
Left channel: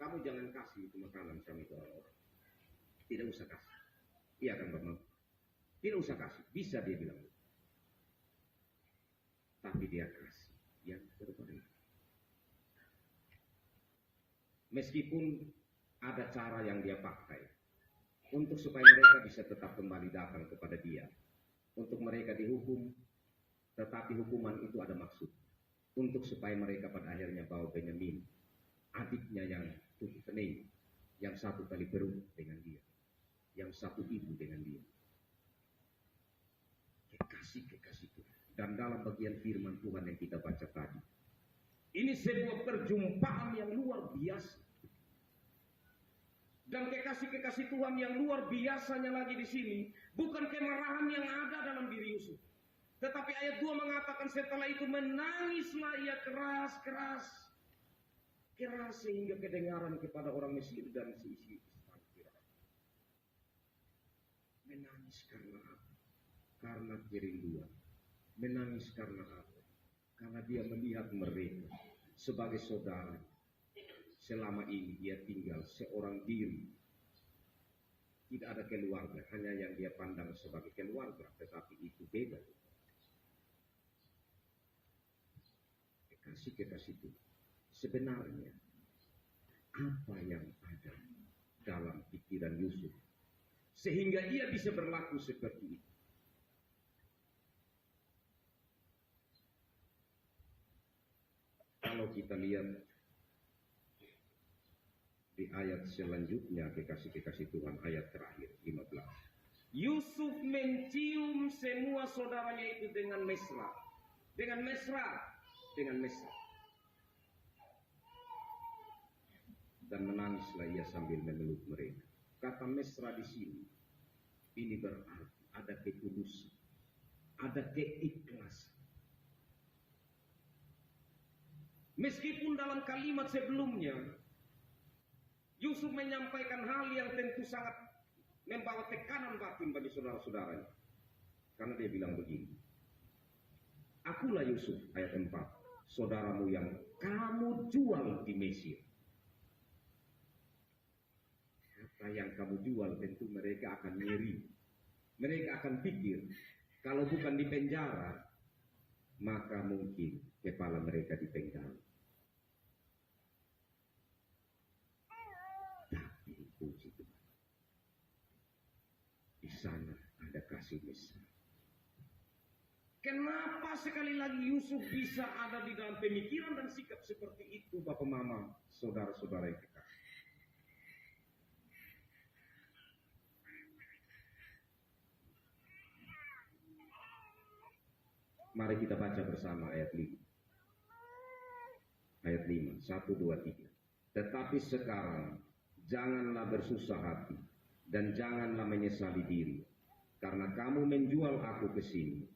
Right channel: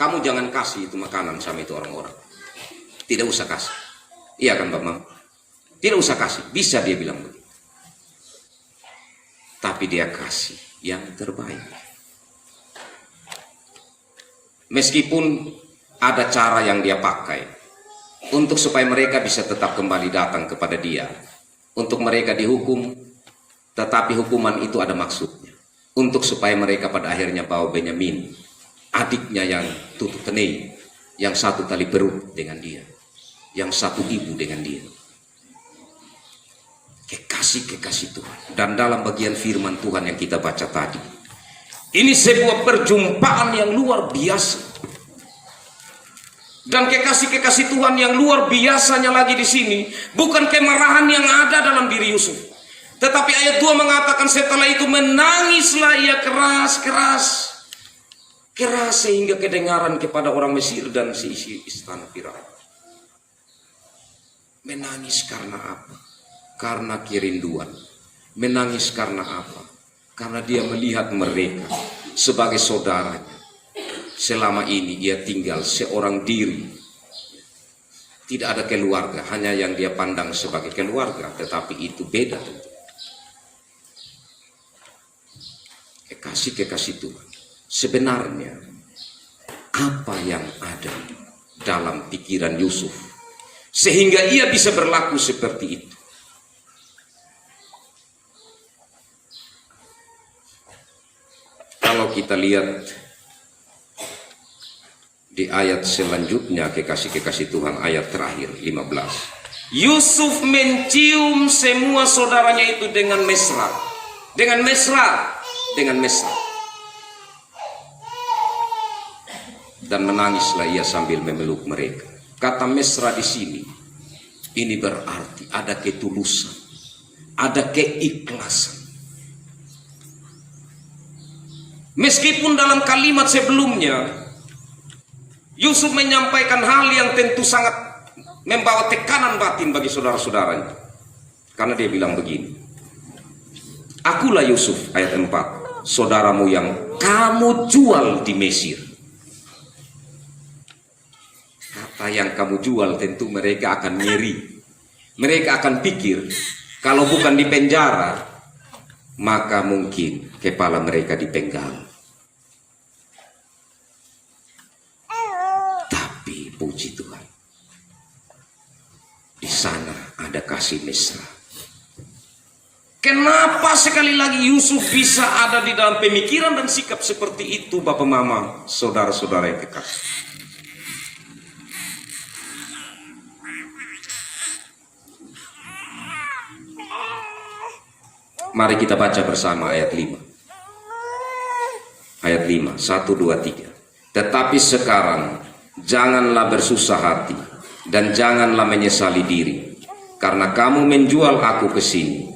kamu jangan kasih itu makanan sama itu orang-orang. Tidak usah kasih. Iya kan Bapak Mama? Tidak usah kasih. Bisa dia bilang begitu. Tapi dia kasih yang terbaik. Meskipun ada cara yang dia pakai untuk supaya mereka bisa tetap kembali datang kepada dia. Untuk mereka dihukum, tetapi hukuman itu ada maksudnya. Untuk supaya mereka pada akhirnya bawa Benyamin, adiknya yang tutup tenei, yang satu tali perut dengan dia, yang satu ibu dengan dia. Kekasih-kekasih Tuhan. Dan dalam bagian firman Tuhan yang kita baca tadi, Ini sebuah perjumpaan yang luar biasa. Dan kekasih-kekasih Tuhan yang luar biasanya lagi di sini bukan kemarahan yang ada dalam diri Yusuf. Tetapi ayat 2 mengatakan setelah itu menangislah ia keras sehingga kedengaran kepada orang Mesir dan seisi istana Firaun. Menangis karena apa? Karena kerinduan. Menangis karena apa? Karena dia melihat mereka sebagai saudaranya. Selama ini ia tinggal seorang diri. Tidak ada keluarga, hanya yang dia pandang sebagai keluarga, tetapi itu beda tentu. Kekasih-kekasih Tuhan, sebenarnya apa yang ada dalam pikiran Yusuf sehingga ia bisa berlaku seperti itu? Kalau kita lihat di ayat selanjutnya, kekasih-kekasih Tuhan, ayat terakhir 15. Yusuf mencium semua saudaranya itu dengan mesra. Dengan mesra. Dan menangislah ia sambil memeluk mereka. Kata mesra di sini, ini berarti ada ketulusan, ada keikhlasan. Meskipun dalam kalimat sebelumnya Yusuf menyampaikan hal yang tentu sangat membawa tekanan batin bagi saudara-saudaranya. Karena dia bilang begini, akulah Yusuf, ayat 4, saudaramu yang kamu jual di Mesir. Kata yang kamu jual tentu mereka akan ngeri. Mereka akan pikir, kalau bukan di penjara, maka mungkin kepala mereka dipenggal. Puji Tuhan, di sana ada kasih mesra. Kenapa sekali lagi Yusuf bisa ada di dalam pemikiran dan sikap seperti itu, Bapak Mama, saudara-saudara yang kekasih? Mari kita baca bersama ayat 5. Ayat 5, 1, 2, 3. Tetapi sekarang janganlah bersusah hati dan janganlah menyesali diri, karena kamu menjual aku ke sini.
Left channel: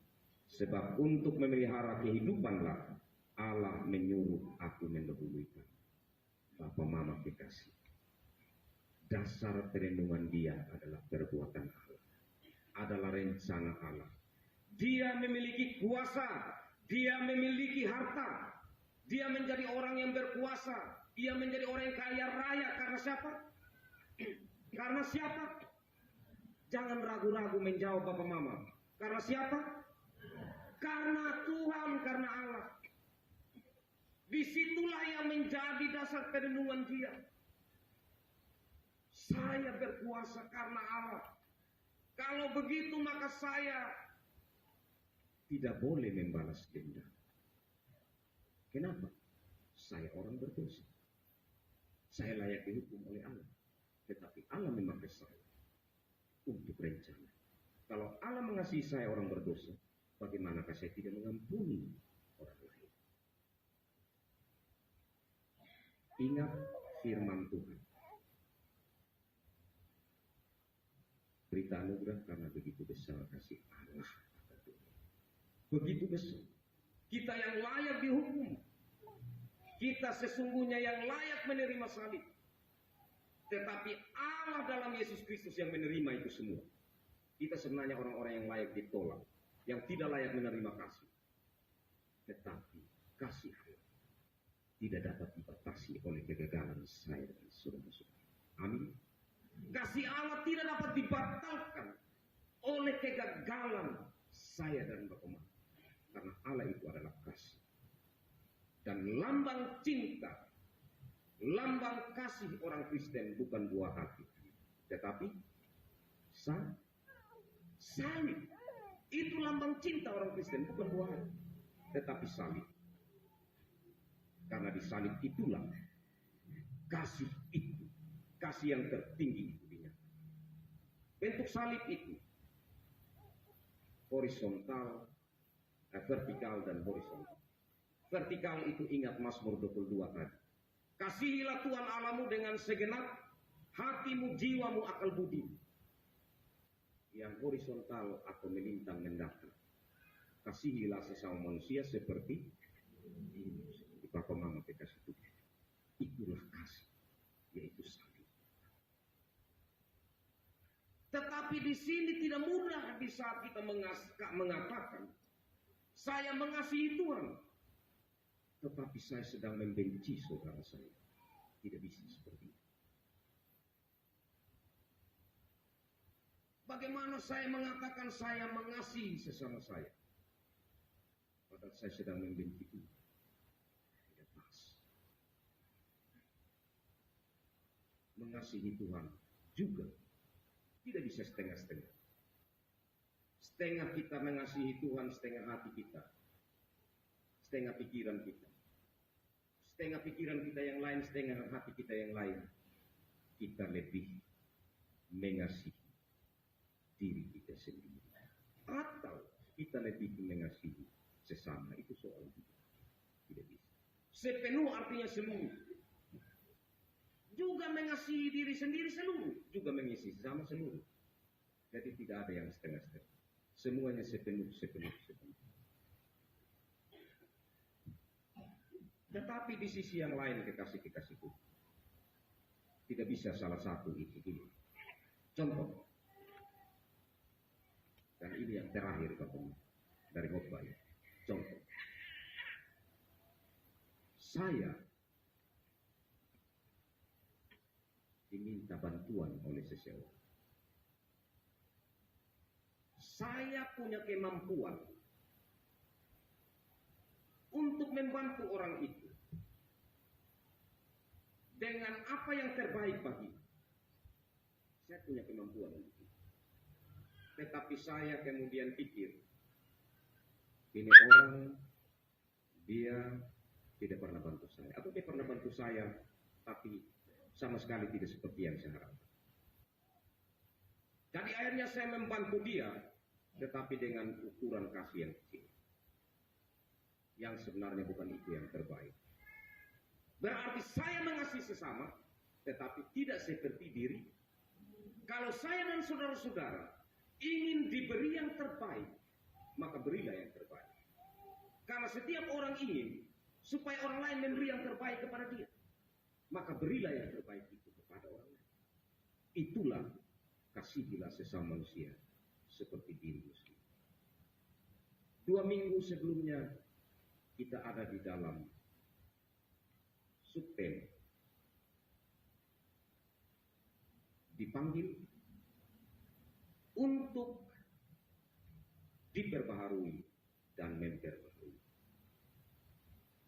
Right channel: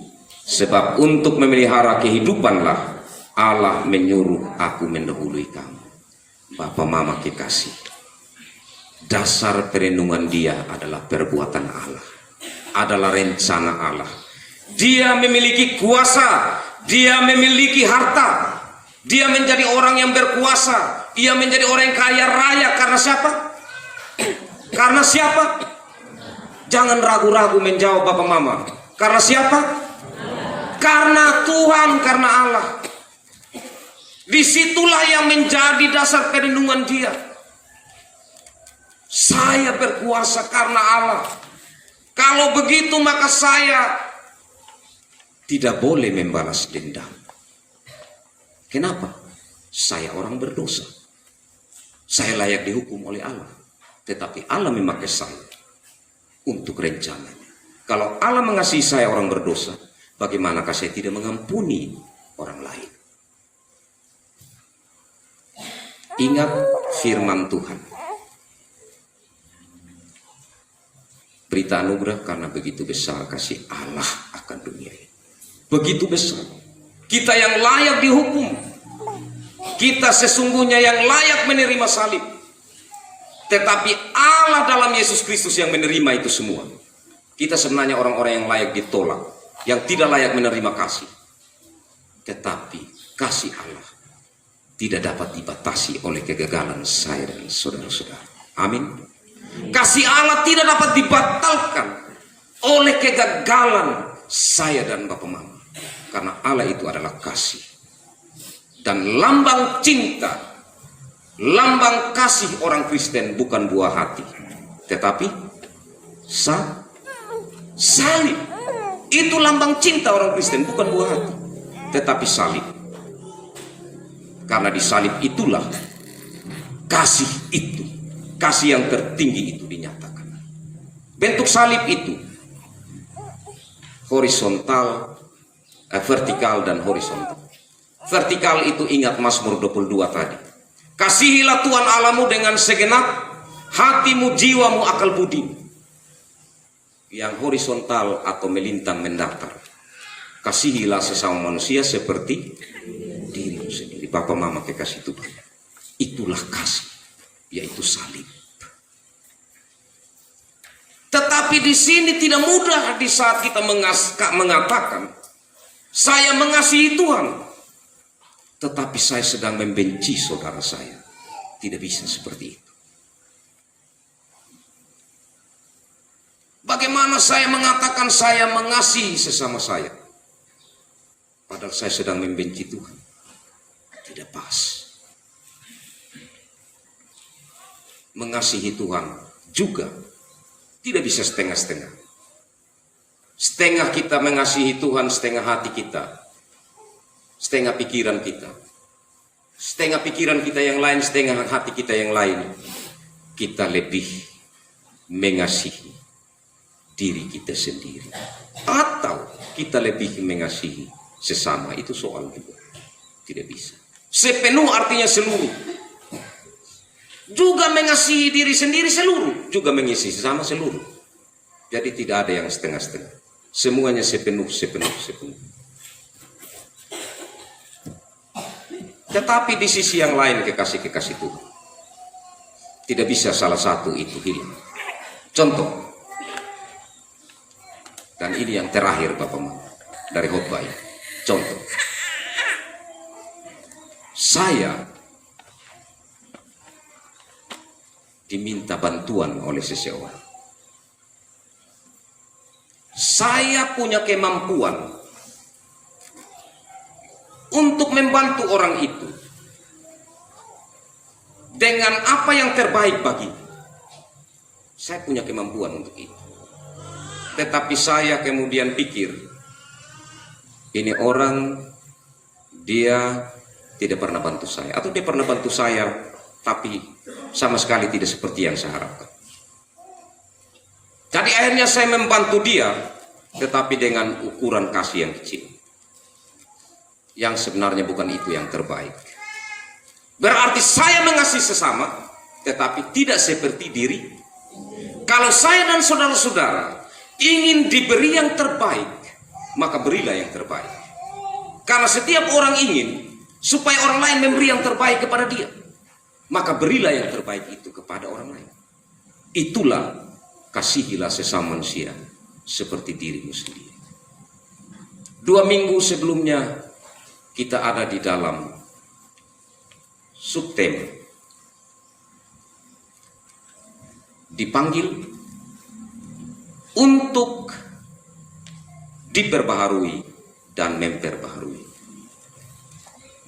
Sebab untuk memelihara kehidupanlah Allah menyuruh aku mendahului kamu. Bapak Mama kekasih, dasar perenungan dia adalah perbuatan Allah, adalah rencana Allah. Dia memiliki kuasa, dia memiliki harta, dia menjadi orang yang berkuasa. Ia menjadi orang yang kaya raya karena siapa? Karena siapa? Jangan ragu-ragu menjawab Bapak Mama. Karena siapa? Karena Tuhan, karena Allah. Disitulah yang menjadi dasar perlindungan dia. Saya berkuasa karena Allah. Kalau begitu maka saya tidak boleh membalas dendam. Kenapa? Saya orang berdosa. Saya layak dihukum oleh Allah. Tetapi Allah memakai saya untuk rencananya. Kalau Allah mengasihi saya orang berdosa, bagaimanakah saya tidak mengampuni orang lain? Ingat firman Tuhan. Berita anugerah, karena begitu besar kasih Allah akan dunia ini. Begitu besar. Kita yang layak dihukum. Kita sesungguhnya yang layak menerima salib. Tetapi Allah dalam Yesus Kristus yang menerima itu semua. Kita sebenarnya orang-orang yang layak ditolak, yang tidak layak menerima kasih. Tetapi kasih Allah tidak dapat dibatasi oleh kegagalan saya dan saudara-saudara. Amin. Kasih Allah tidak dapat dibatalkan oleh kegagalan saya dan Bapak Mama. Karena Allah itu adalah kasih. Dan lambang cinta, lambang kasih orang Kristen bukan buah hati, tetapi salib. Itu lambang cinta orang Kristen, bukan buah hati, tetapi salib. Karena di salib itulah kasih itu, kasih yang tertinggi itu dinyatakan. Bentuk salib itu horizontal, vertikal dan horizontal. Vertikal itu ingat Mazmur 22 tadi. Kasihilah Tuhan Allahmu dengan segenap hatimu, jiwamu, akal budimu. Yang horizontal atau melintang mendatar. Kasihilah sesama manusia seperti dirimu sendiri. Bapak mama kekasih Tuhan. Itulah kasih, yaitu salib. Tetapi di sini tidak mudah di saat kita mengatakan saya mengasihi Tuhan, tetapi saya sedang membenci saudara saya. Tidak bisa seperti itu. Bagaimana saya mengatakan saya mengasihi sesama saya, padahal saya sedang membenci Tuhan? Tidak pas. Mengasihi Tuhan juga tidak bisa setengah-setengah. Setengah kita mengasihi Tuhan, setengah hati kita, setengah pikiran kita. Setengah pikiran kita yang lain, setengah hati kita yang lain. Kita lebih mengasihi diri kita sendiri. Atau kita lebih mengasihi sesama, itu soal juga. Tidak bisa. Sepenuh artinya seluruh. Juga mengasihi diri sendiri seluruh. Juga mengasihi sesama seluruh. Jadi tidak ada yang setengah-setengah. Semuanya sepenuh. Tetapi di sisi yang lain kekasih-kekasih Tuhan, tidak bisa salah satu itu hilang. Contoh. Dan ini yang terakhir Bapak Mama dari khotbah ini. Contoh. Saya diminta bantuan oleh seseorang. Saya punya kemampuan untuk membantu orang itu dengan apa yang terbaik bagi. Saya punya kemampuan untuk itu. Tetapi saya kemudian pikir, ini orang dia tidak pernah bantu saya, atau dia pernah bantu saya tapi sama sekali tidak seperti yang saya harapkan. Jadi akhirnya saya membantu dia, tetapi dengan ukuran kasih yang kecil, yang sebenarnya bukan itu yang terbaik. Berarti saya mengasihi sesama, tetapi tidak seperti diri. Kalau saya dan saudara-saudara ingin diberi yang terbaik, maka berilah yang terbaik. Karena setiap orang ingin supaya orang lain memberi yang terbaik kepada dia, maka berilah yang terbaik itu kepada orang lain. Itulah kasihilah sesama manusia seperti dirimu sendiri. 2 minggu sebelumnya kita ada di dalam subtema dipanggil untuk diperbaharui dan memperbaharui.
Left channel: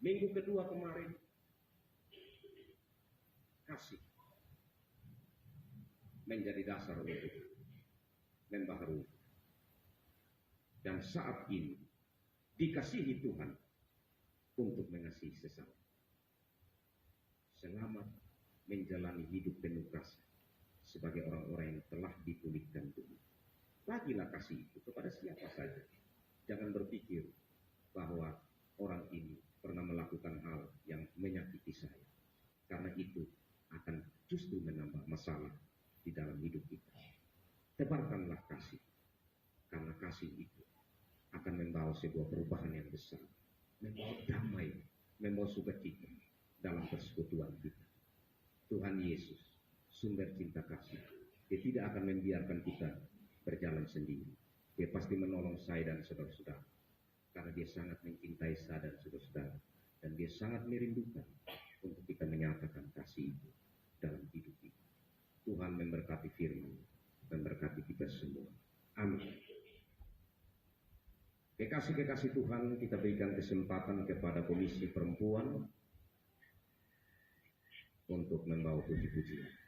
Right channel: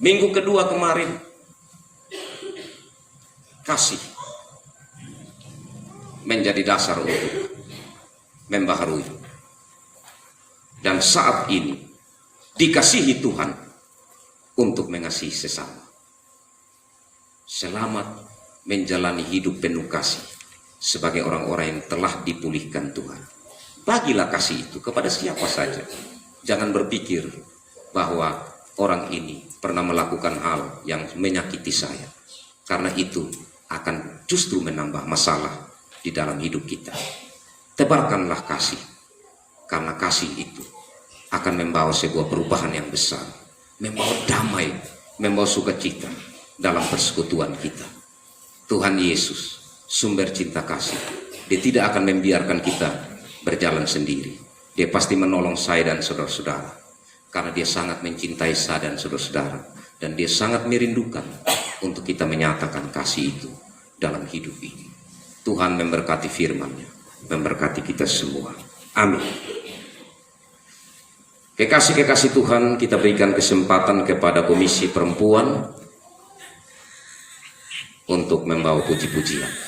Minggu kedua kemarin, kasih menjadi dasar untuk membaharui. Dan saat ini dikasihi Tuhan untuk mengasihi sesama. Selamat menjalani hidup penuh kasih sebagai orang-orang yang telah dipulihkan Tuhan. Bagilah kasih itu kepada siapa saja. Jangan berpikir bahwa orang ini pernah melakukan hal yang menyakiti saya, karena itu akan justru menambah masalah di dalam hidup kita. Tebarkanlah kasih, karena kasih itu akan membawa sebuah perubahan yang besar, membawa damai, membawa sukacita dalam persekutuan kita. Tuhan Yesus, sumber cinta kasih, Dia tidak akan membiarkan kita berjalan sendiri. Dia pasti menolong saya dan saudara-saudara, karena Dia sangat mencintai saya dan saudara-saudara, dan Dia sangat merindukan untuk kita menyatakan kasih itu dalam hidup ini. Tuhan memberkati firman-Nya, memberkati kita semua. Amin. Kekasih-kekasih Tuhan, kita berikan kesempatan kepada Komisi Perempuan untuk membawa puji-pujian.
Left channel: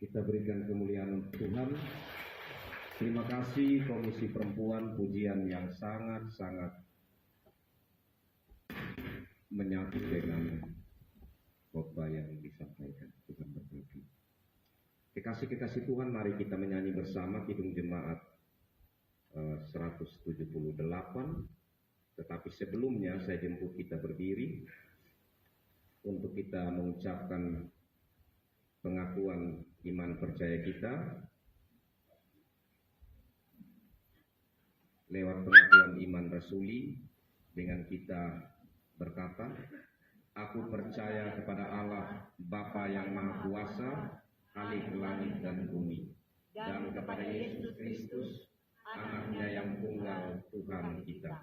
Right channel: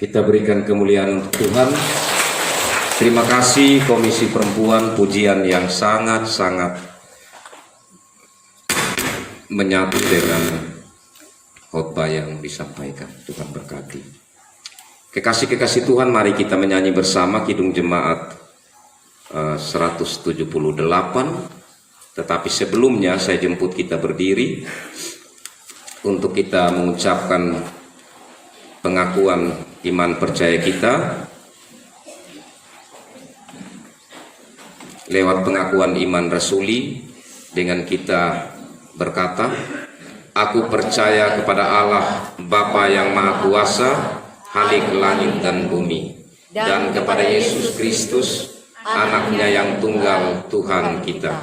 Kita berikan kemuliaan untuk Tuhan. Terima kasih Komisi Perempuan, pujian yang sangat-sangat menyatu dengan khotbah yang disampaikan. Tuhan berkati. Kekasih-kekasih Tuhan, mari kita menyanyi bersama Kidung Jemaat 178. Tetapi sebelumnya saya jemput kita berdiri untuk kita mengucapkan pengakuan iman percaya kita lewat pengakuan iman rasuli, dengan kita berkata, aku percaya kepada Allah Bapa yang Maha Kuasa, Khalik langit dan bumi, dan kepada Yesus Kristus, anaknya yang tunggal Tuhan kita,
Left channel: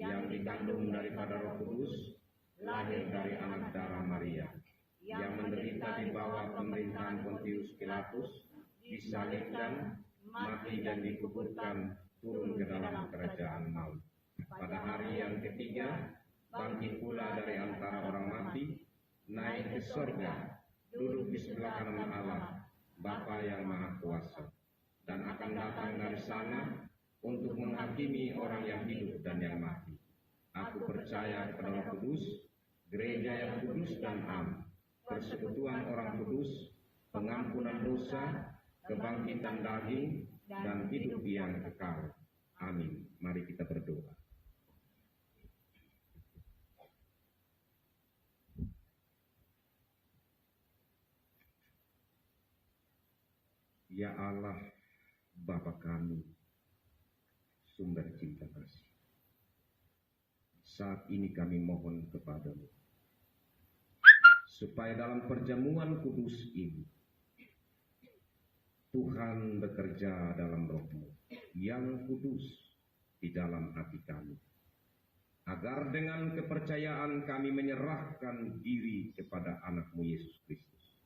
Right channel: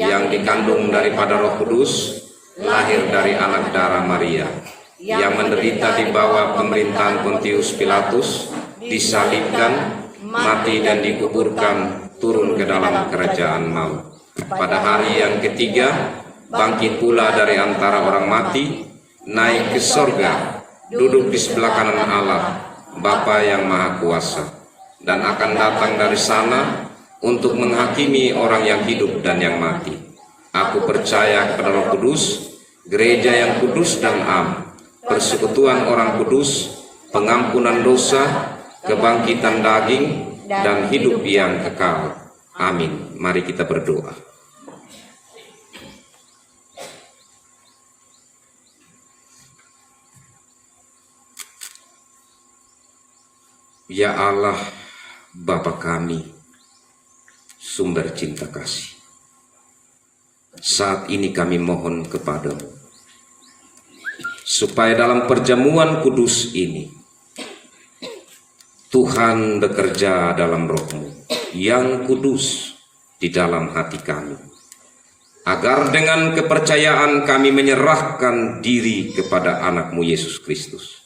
yang dikandung daripada Roh Kudus, lahir dari anak darah Maria, yang menderita di bawah pemerintahan Pontius Pilatus, disalibkan, mati dan dikuburkan, turun ke dalam kerajaan maut. Pada hari yang ketiga, bangkit pula dari antara orang mati, naik ke sorga, duduk di sebelah kanan Allah, Bapa yang Maha Kuasa, dan akan datang dari sana untuk menghakimi orang yang hidup dan yang mati. Aku percaya kepada Roh Kudus, gereja yang kudus dan am, persekutuan orang kudus, pengampunan dosa, kebangkitan daging, dan hidup yang kekal. Amin. Mari kita berdoa. Ya Allah, Bapa kami, sumber cinta kasih, saat ini kami mohon kepadamu, supaya dalam perjamuan kudus ini, Tuhan bekerja dalam Roh-Mu yang kudus di dalam hati kami, agar dengan kepercayaan kami menyerahkan diri kepada anak-Mu Yesus Kristus.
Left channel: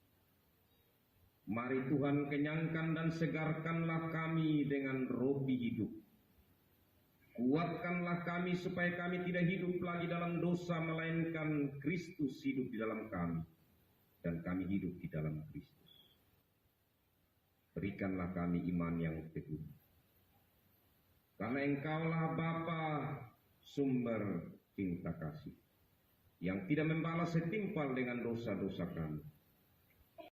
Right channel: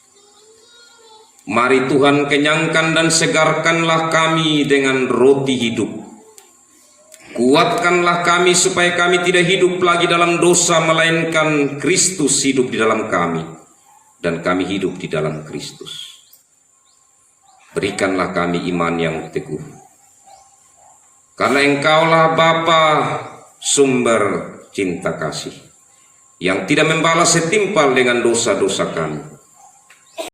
Mari Tuhan kenyangkan dan segarkanlah kami dengan roti hidup. Kuatkanlah kami supaya kami tidak hidup lagi dalam dosa, melainkan Kristus hidup di dalam kami, dan kami hidup di dalam Kristus. Berikanlah kami iman yang teguh, karena Engkaulah Bapa, sumber cinta kasih, yang tidak membalas setimpal dengan dosa-dosa kami.